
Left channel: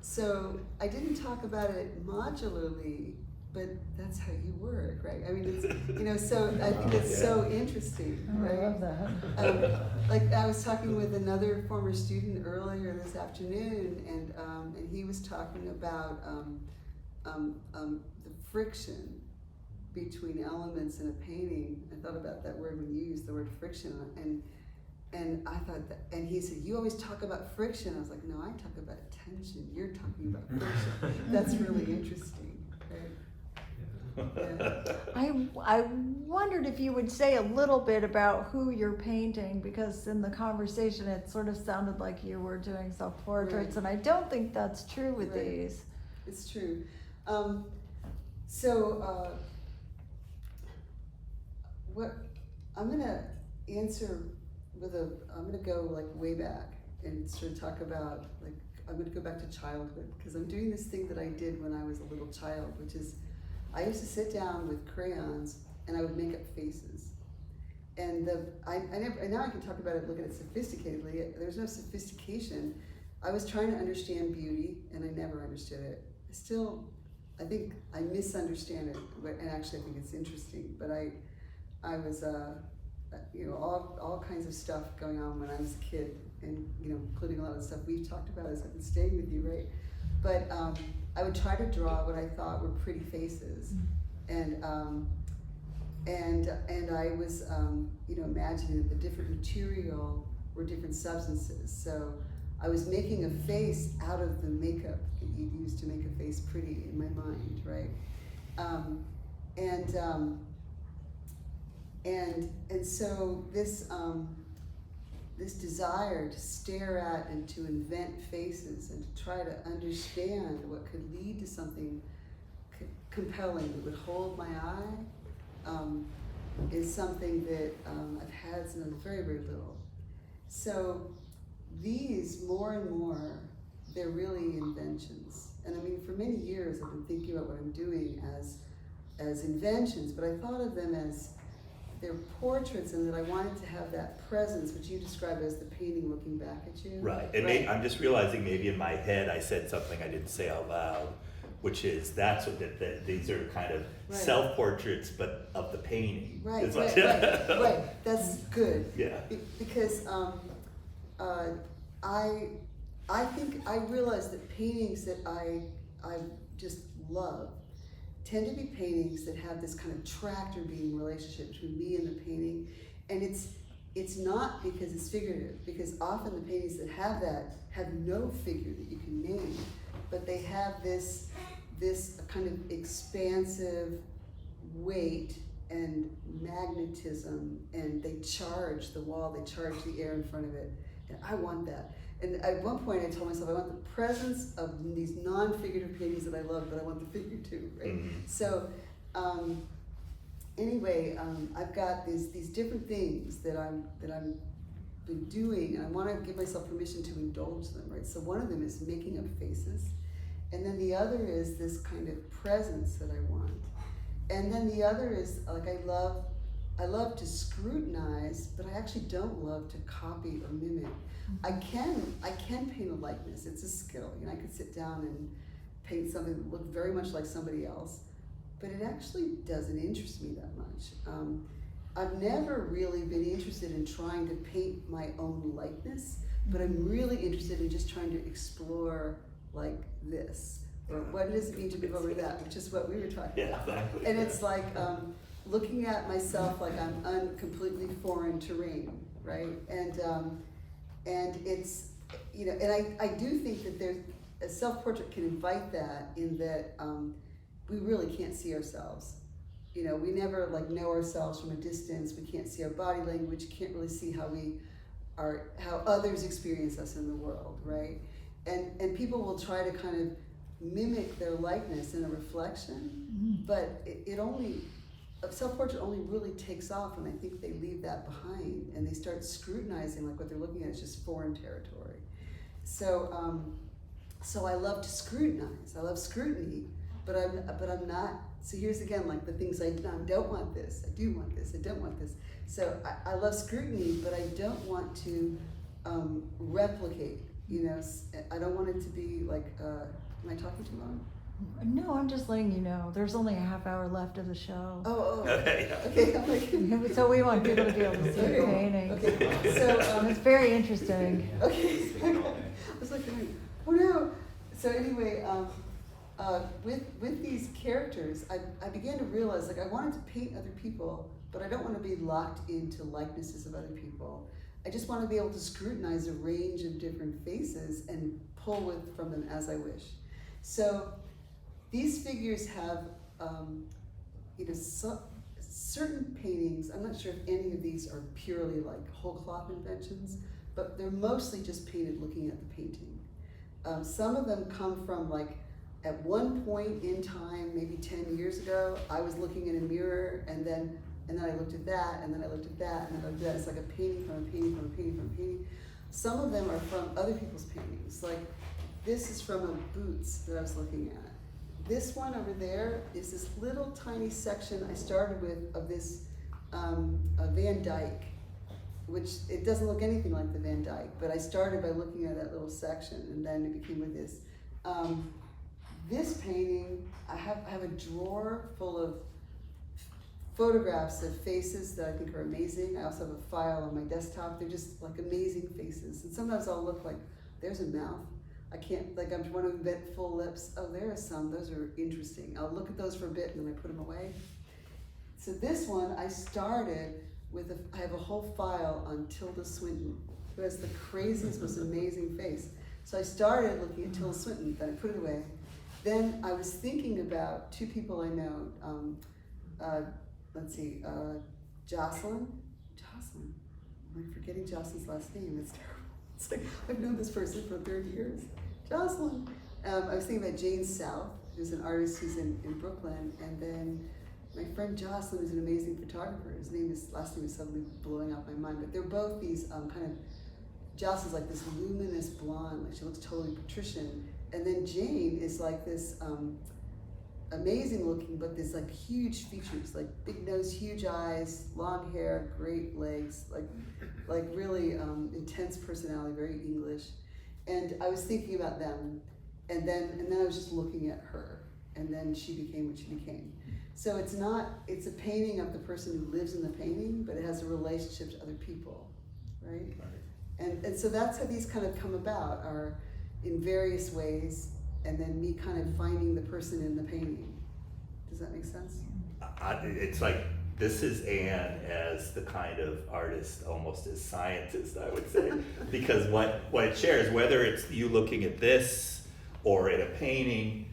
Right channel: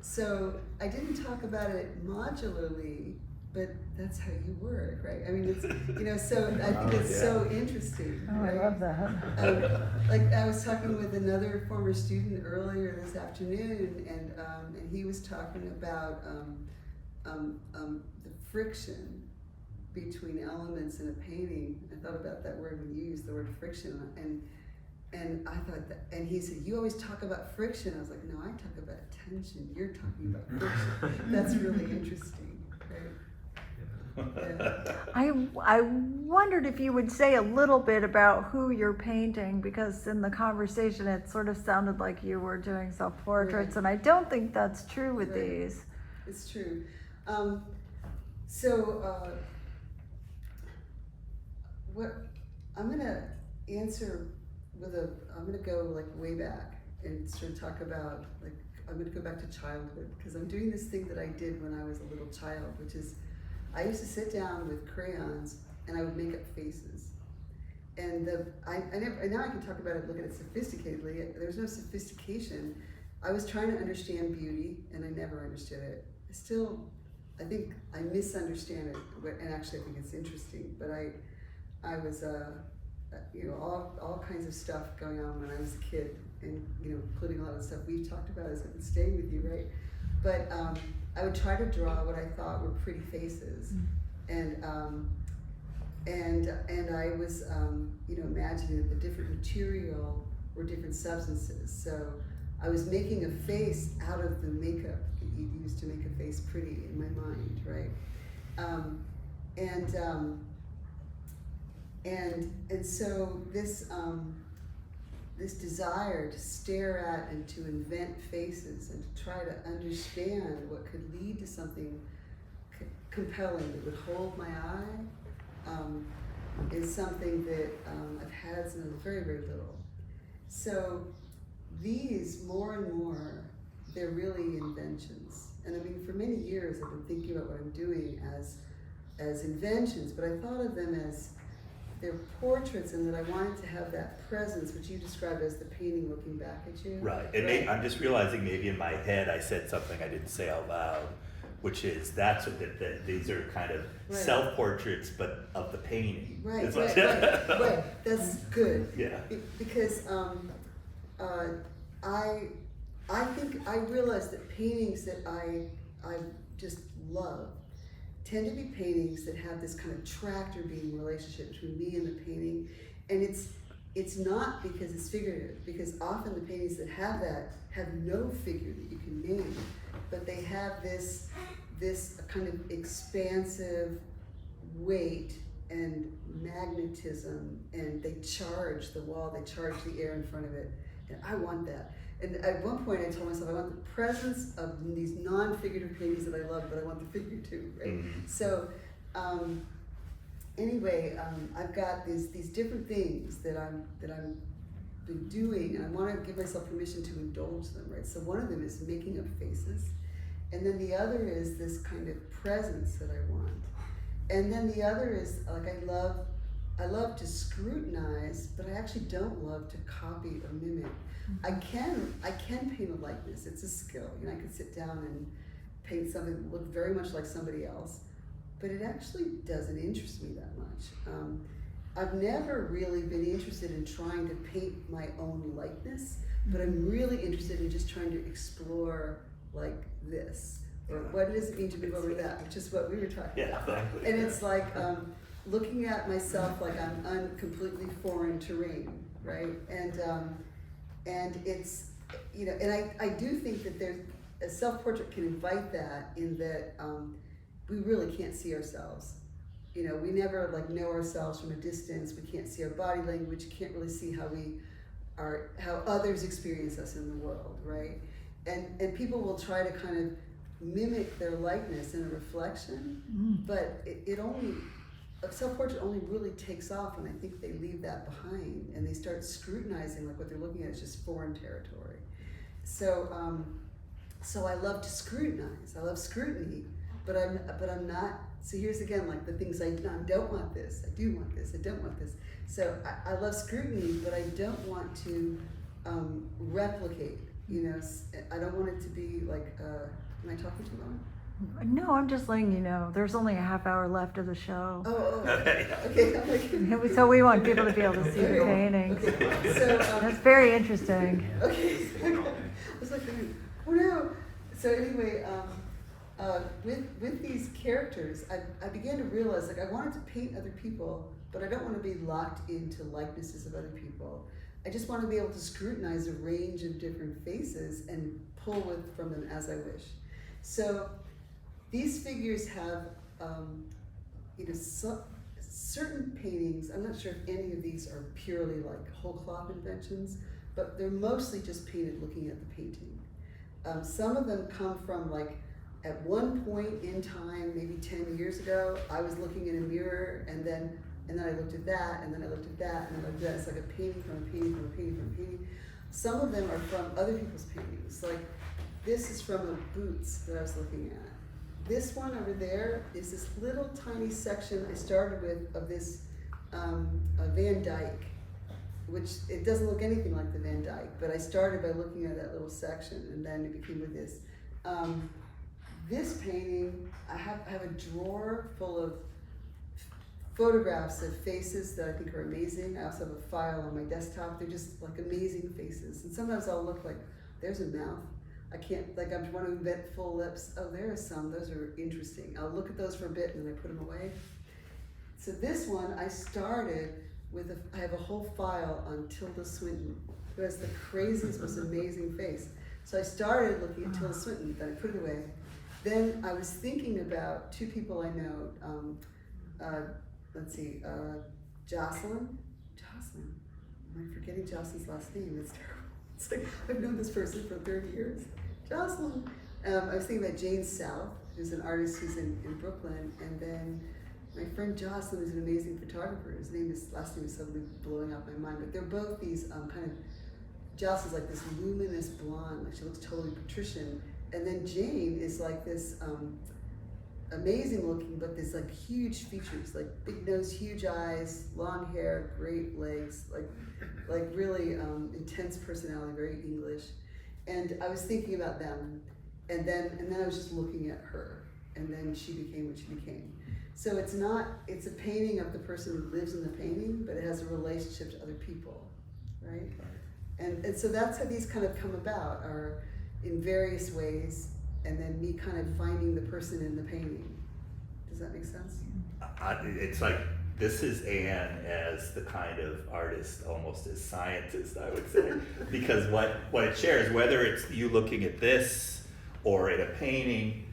So I didn't talk about it modularly, but that's how you work, right? I mean, it's, you know, so I think it's so interesting, right? I love that. Like I was talking with another former student earlier this afternoon, and he was talking about the friction between elements in a painting. I thought about that word when you used the word friction, and I thought that, and he said, you always talk about friction. I was like, no, I talk about tension. You're talking about friction. That's really interesting, right? Yeah. I wondered if you would say a little bit about who you're painting, because in the conversation it sort of sounded like you were doing self-portraits, and I don't think that's true with these. It's true. What I'm gonna answer with I'm gonna go like way back and sort of talk about, like, I'm gonna go back to childhood, because I'm doing this thing that I did when I was a little child, which is I used to sit down with crayons and I would make up faces. And now I can talk about it, look at it sophisticatedly. There's no sophistication. I was trying to understand beauty, and I never understood it. I think I misunderstand it, and actually I think it's interesting. But I was, you know, all kinds of stuff going on when I was a kid, and, you know, including a lot of the stuff we've talked about as I've been staying with you, right? But I would try to draw what I thought were pretty faces, and I was, you know, imagining that the different material were different substances. So I was making a face out of the makeup that you'd use to make a face pretty in my mind, right? And so this desire to stare at and to invent faces and to try to understand what could lead to something compelling that would hold my eye is something that I've had since I was very, very little. So these, more and more, they're really inventions. And I mean, for many years I've been thinking about what I'm doing as inventions, but I thought of them as they're portraits, and that I wanted to have that presence, which you described as the painting looking back at you. Right, and I'm just realizing maybe in my head I said something I didn't say out loud, which is that's what these are kind of self-portraits, but of the painting. Right. That's good. Yeah. Because I think I realized that paintings that I just love tend to be paintings that have this kind of tractor beam relationship between me and the painting, and it's not because it's figurative, because often the paintings that have that have no figure that you can name, but they have this kind of expansive weight and magnetism, and they charge the wall, they charge the air in front of it, and I want that. And at one point I told myself I want the presence of these non-figurative paintings that I love, but I want the figure too, right? Mm-hmm. So anyway, I've got these different things that I'm been doing, and I want to give myself permission to indulge them, right? So one of them is making up faces, and then the other is this kind of presence that I want, and then the other is like I love to scrutinize, but I actually don't love to copy or mimic. I can paint a likeness. It's a skill. You know, I could sit down and paint something that looked very much like somebody else, but it actually doesn't interest me that much. I've never really been interested in trying to paint my own likeness, but I'm really interested in just trying to explore like this. or what does it mean to move over to that, which is what we were talking Yeah, about. exactly. And it's like looking at myself like I'm completely foreign terrain, right? And it's, you know, and I do think that there's a self-portrait can invite that in that we really can't see ourselves. You know, we never like know ourselves from a distance. We can't see our body language. Can't really see how we are, how others experience us in the world, right? And people will try to kind of mimic their likeness in a reflection, but it only, a self-portrait only really takes off when I think they leave that behind and they start scrutinizing like what they're looking at is just foreign territory. So so I love to scrutinize. I love scrutiny, but I'm not. So here's again like the things I don't want this. I do want this. I don't want this. So I love scrutiny, but I don't want to replicate. You know, I don't want it to be like. Am I talking too long? No, I'm just letting you know, there's only a half hour left of the show. Oh. Okay. Okay. I'm like, So we want people to be able to see the Okay. paintings. Okay. So It's very interesting. Okay. I was like, oh no. So anyway, with these characters, I began to realize like I wanted to paint other people, but I don't want to be locked into likenesses of other people. I just want to be able to scrutinize a range of different faces and pull from them as I wish. So these figures have, you know, certain paintings. I'm not sure if any of these are purely like whole cloth inventions, but they're mostly just painted looking at the painting. Some of them come from like, at one point in time, maybe 10 years ago, I was looking in a mirror and then I looked at that, and then I looked at that, and then I looked at that. It's like a painting from a painting from a painting from a painting. Some of them are from other people's paintings. Like, this is from a Boots that I was looking at. This one over there is this little tiny section I started with of this a Van Dyke, which it doesn't look anything like the Van Dyke, but I started by looking at that little section, and then it became with this. This painting, I have a drawer full of photographs of faces that I think are amazing. I also have a file on my desktop. They're just like amazing faces. And sometimes I'll look like, there's a mouth. I can't, like I want to invent full lips. Oh, there are some, those are interesting. I'll look at those for a bit and then I put them away. So this one, I started with, I have a whole file on Tilda Swinton, who has the craziest, most amazing face. So I started looking at Tilda Swinton, then I put it away. Then I was thinking about two people I know, let's see, Jocelyn, I'm forgetting Jocelyn's last name, it's terrible. It's like, I've known this person for 30 years. Jocelyn. I was thinking about Jane South, who's an artist who's in Brooklyn, and then my friend Jocelyn is an amazing photographer. His last name is suddenly blowing out my mind, but they're both these kind of, Jocelyn's like this luminous blonde, like she looks totally patrician, and then Jane is like this, amazing looking, but there's like huge features, like big nose, huge eyes, long hair, great legs, like really intense personality, very English. And I was thinking about them, and then I was just looking at her, and then she became what she became. So it's a painting of the person who lives in the painting, but it has a relationship to other people, right? And so that's how these kind of come about, are in various ways, and then me kind of finding the person in the painting. Does that make sense? It's like, this is Anne as the kind of artist, almost as scientist, I would say. Because what it shares, whether it's you looking at this or at a painting,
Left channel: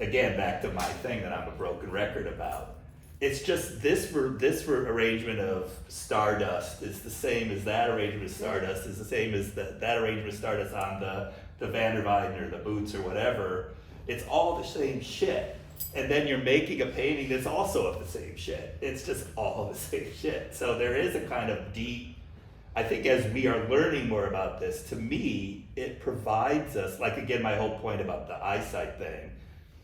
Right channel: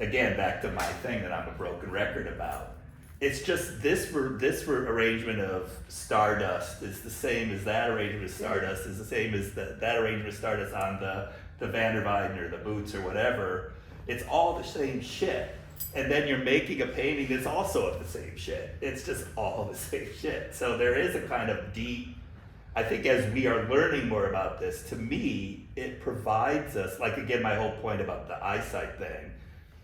again, back to my thing that I'm a broken record about, it's just this arrangement of Stardust is the same as that arrangement of Stardust, is the same as that arrangement of Stardust on the Van der Weyden or the Boots or whatever. It's all the same shit. And then you're making a painting that's also of the same shit. It's just all the same shit. So there is a kind of deep, I think as we are learning more about this, to me, it provides us, like again, my whole point about the eyesight thing,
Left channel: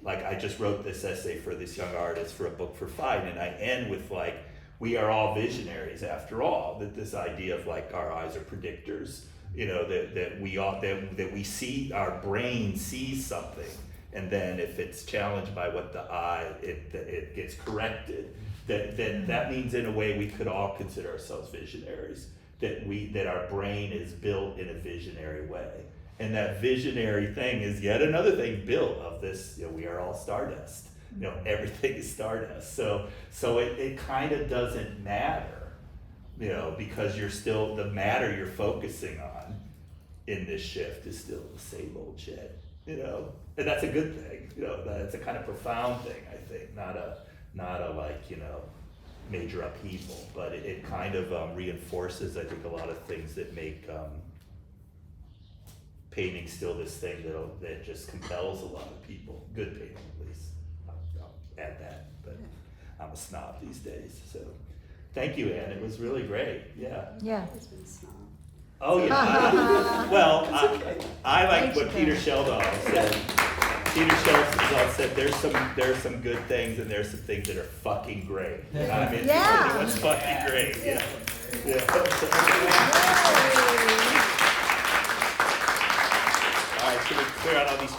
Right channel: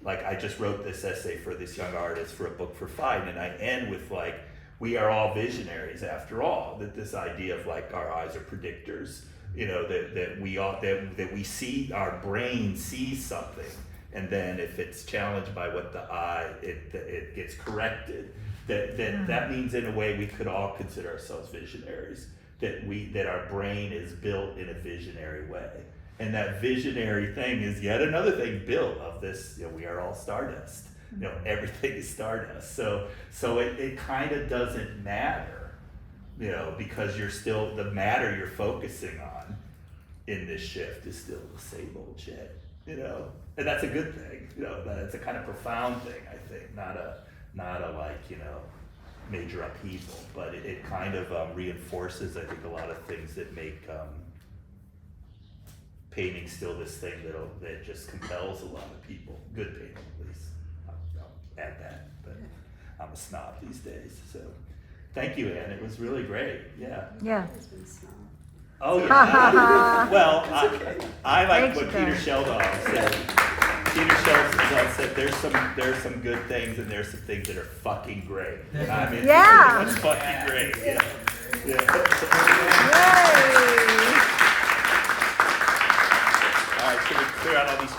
like I just wrote this essay for this young artist for a book for Fine, and I end with like, we are all visionaries after all, that this idea of like our eyes are predictors, you know, that we see, our brain sees something, and then if it's challenged by what the eye, it gets corrected. That means in a way we could all consider ourselves visionaries. That our brain is built in a visionary way, And that visionary thing is yet another thing built of this, we are all stardust. Everything is stardust. So it kind of doesn't matter, because you're still, the matter you're focusing on in this shift is still the same old shit, and that's a good thing, that's a kind of profound thing, I think, not a like, major upheaval, but it kind of reinforces, I think, a lot of things that make painting still this thing that just compels a lot of people, good painting at least. I'll add that, but I'm a snob these days, so thank you, Ann, it was really great, yeah. Yeah. It's been snob. Oh, yeah. Well, I like Thanks, what Peter Jen. Sheldon said. Peter Sheldon said there's some good things and there's some things that are fucking great. I'm interested Yeah. in what's fucking great. Yeah. All right, should we clear out all these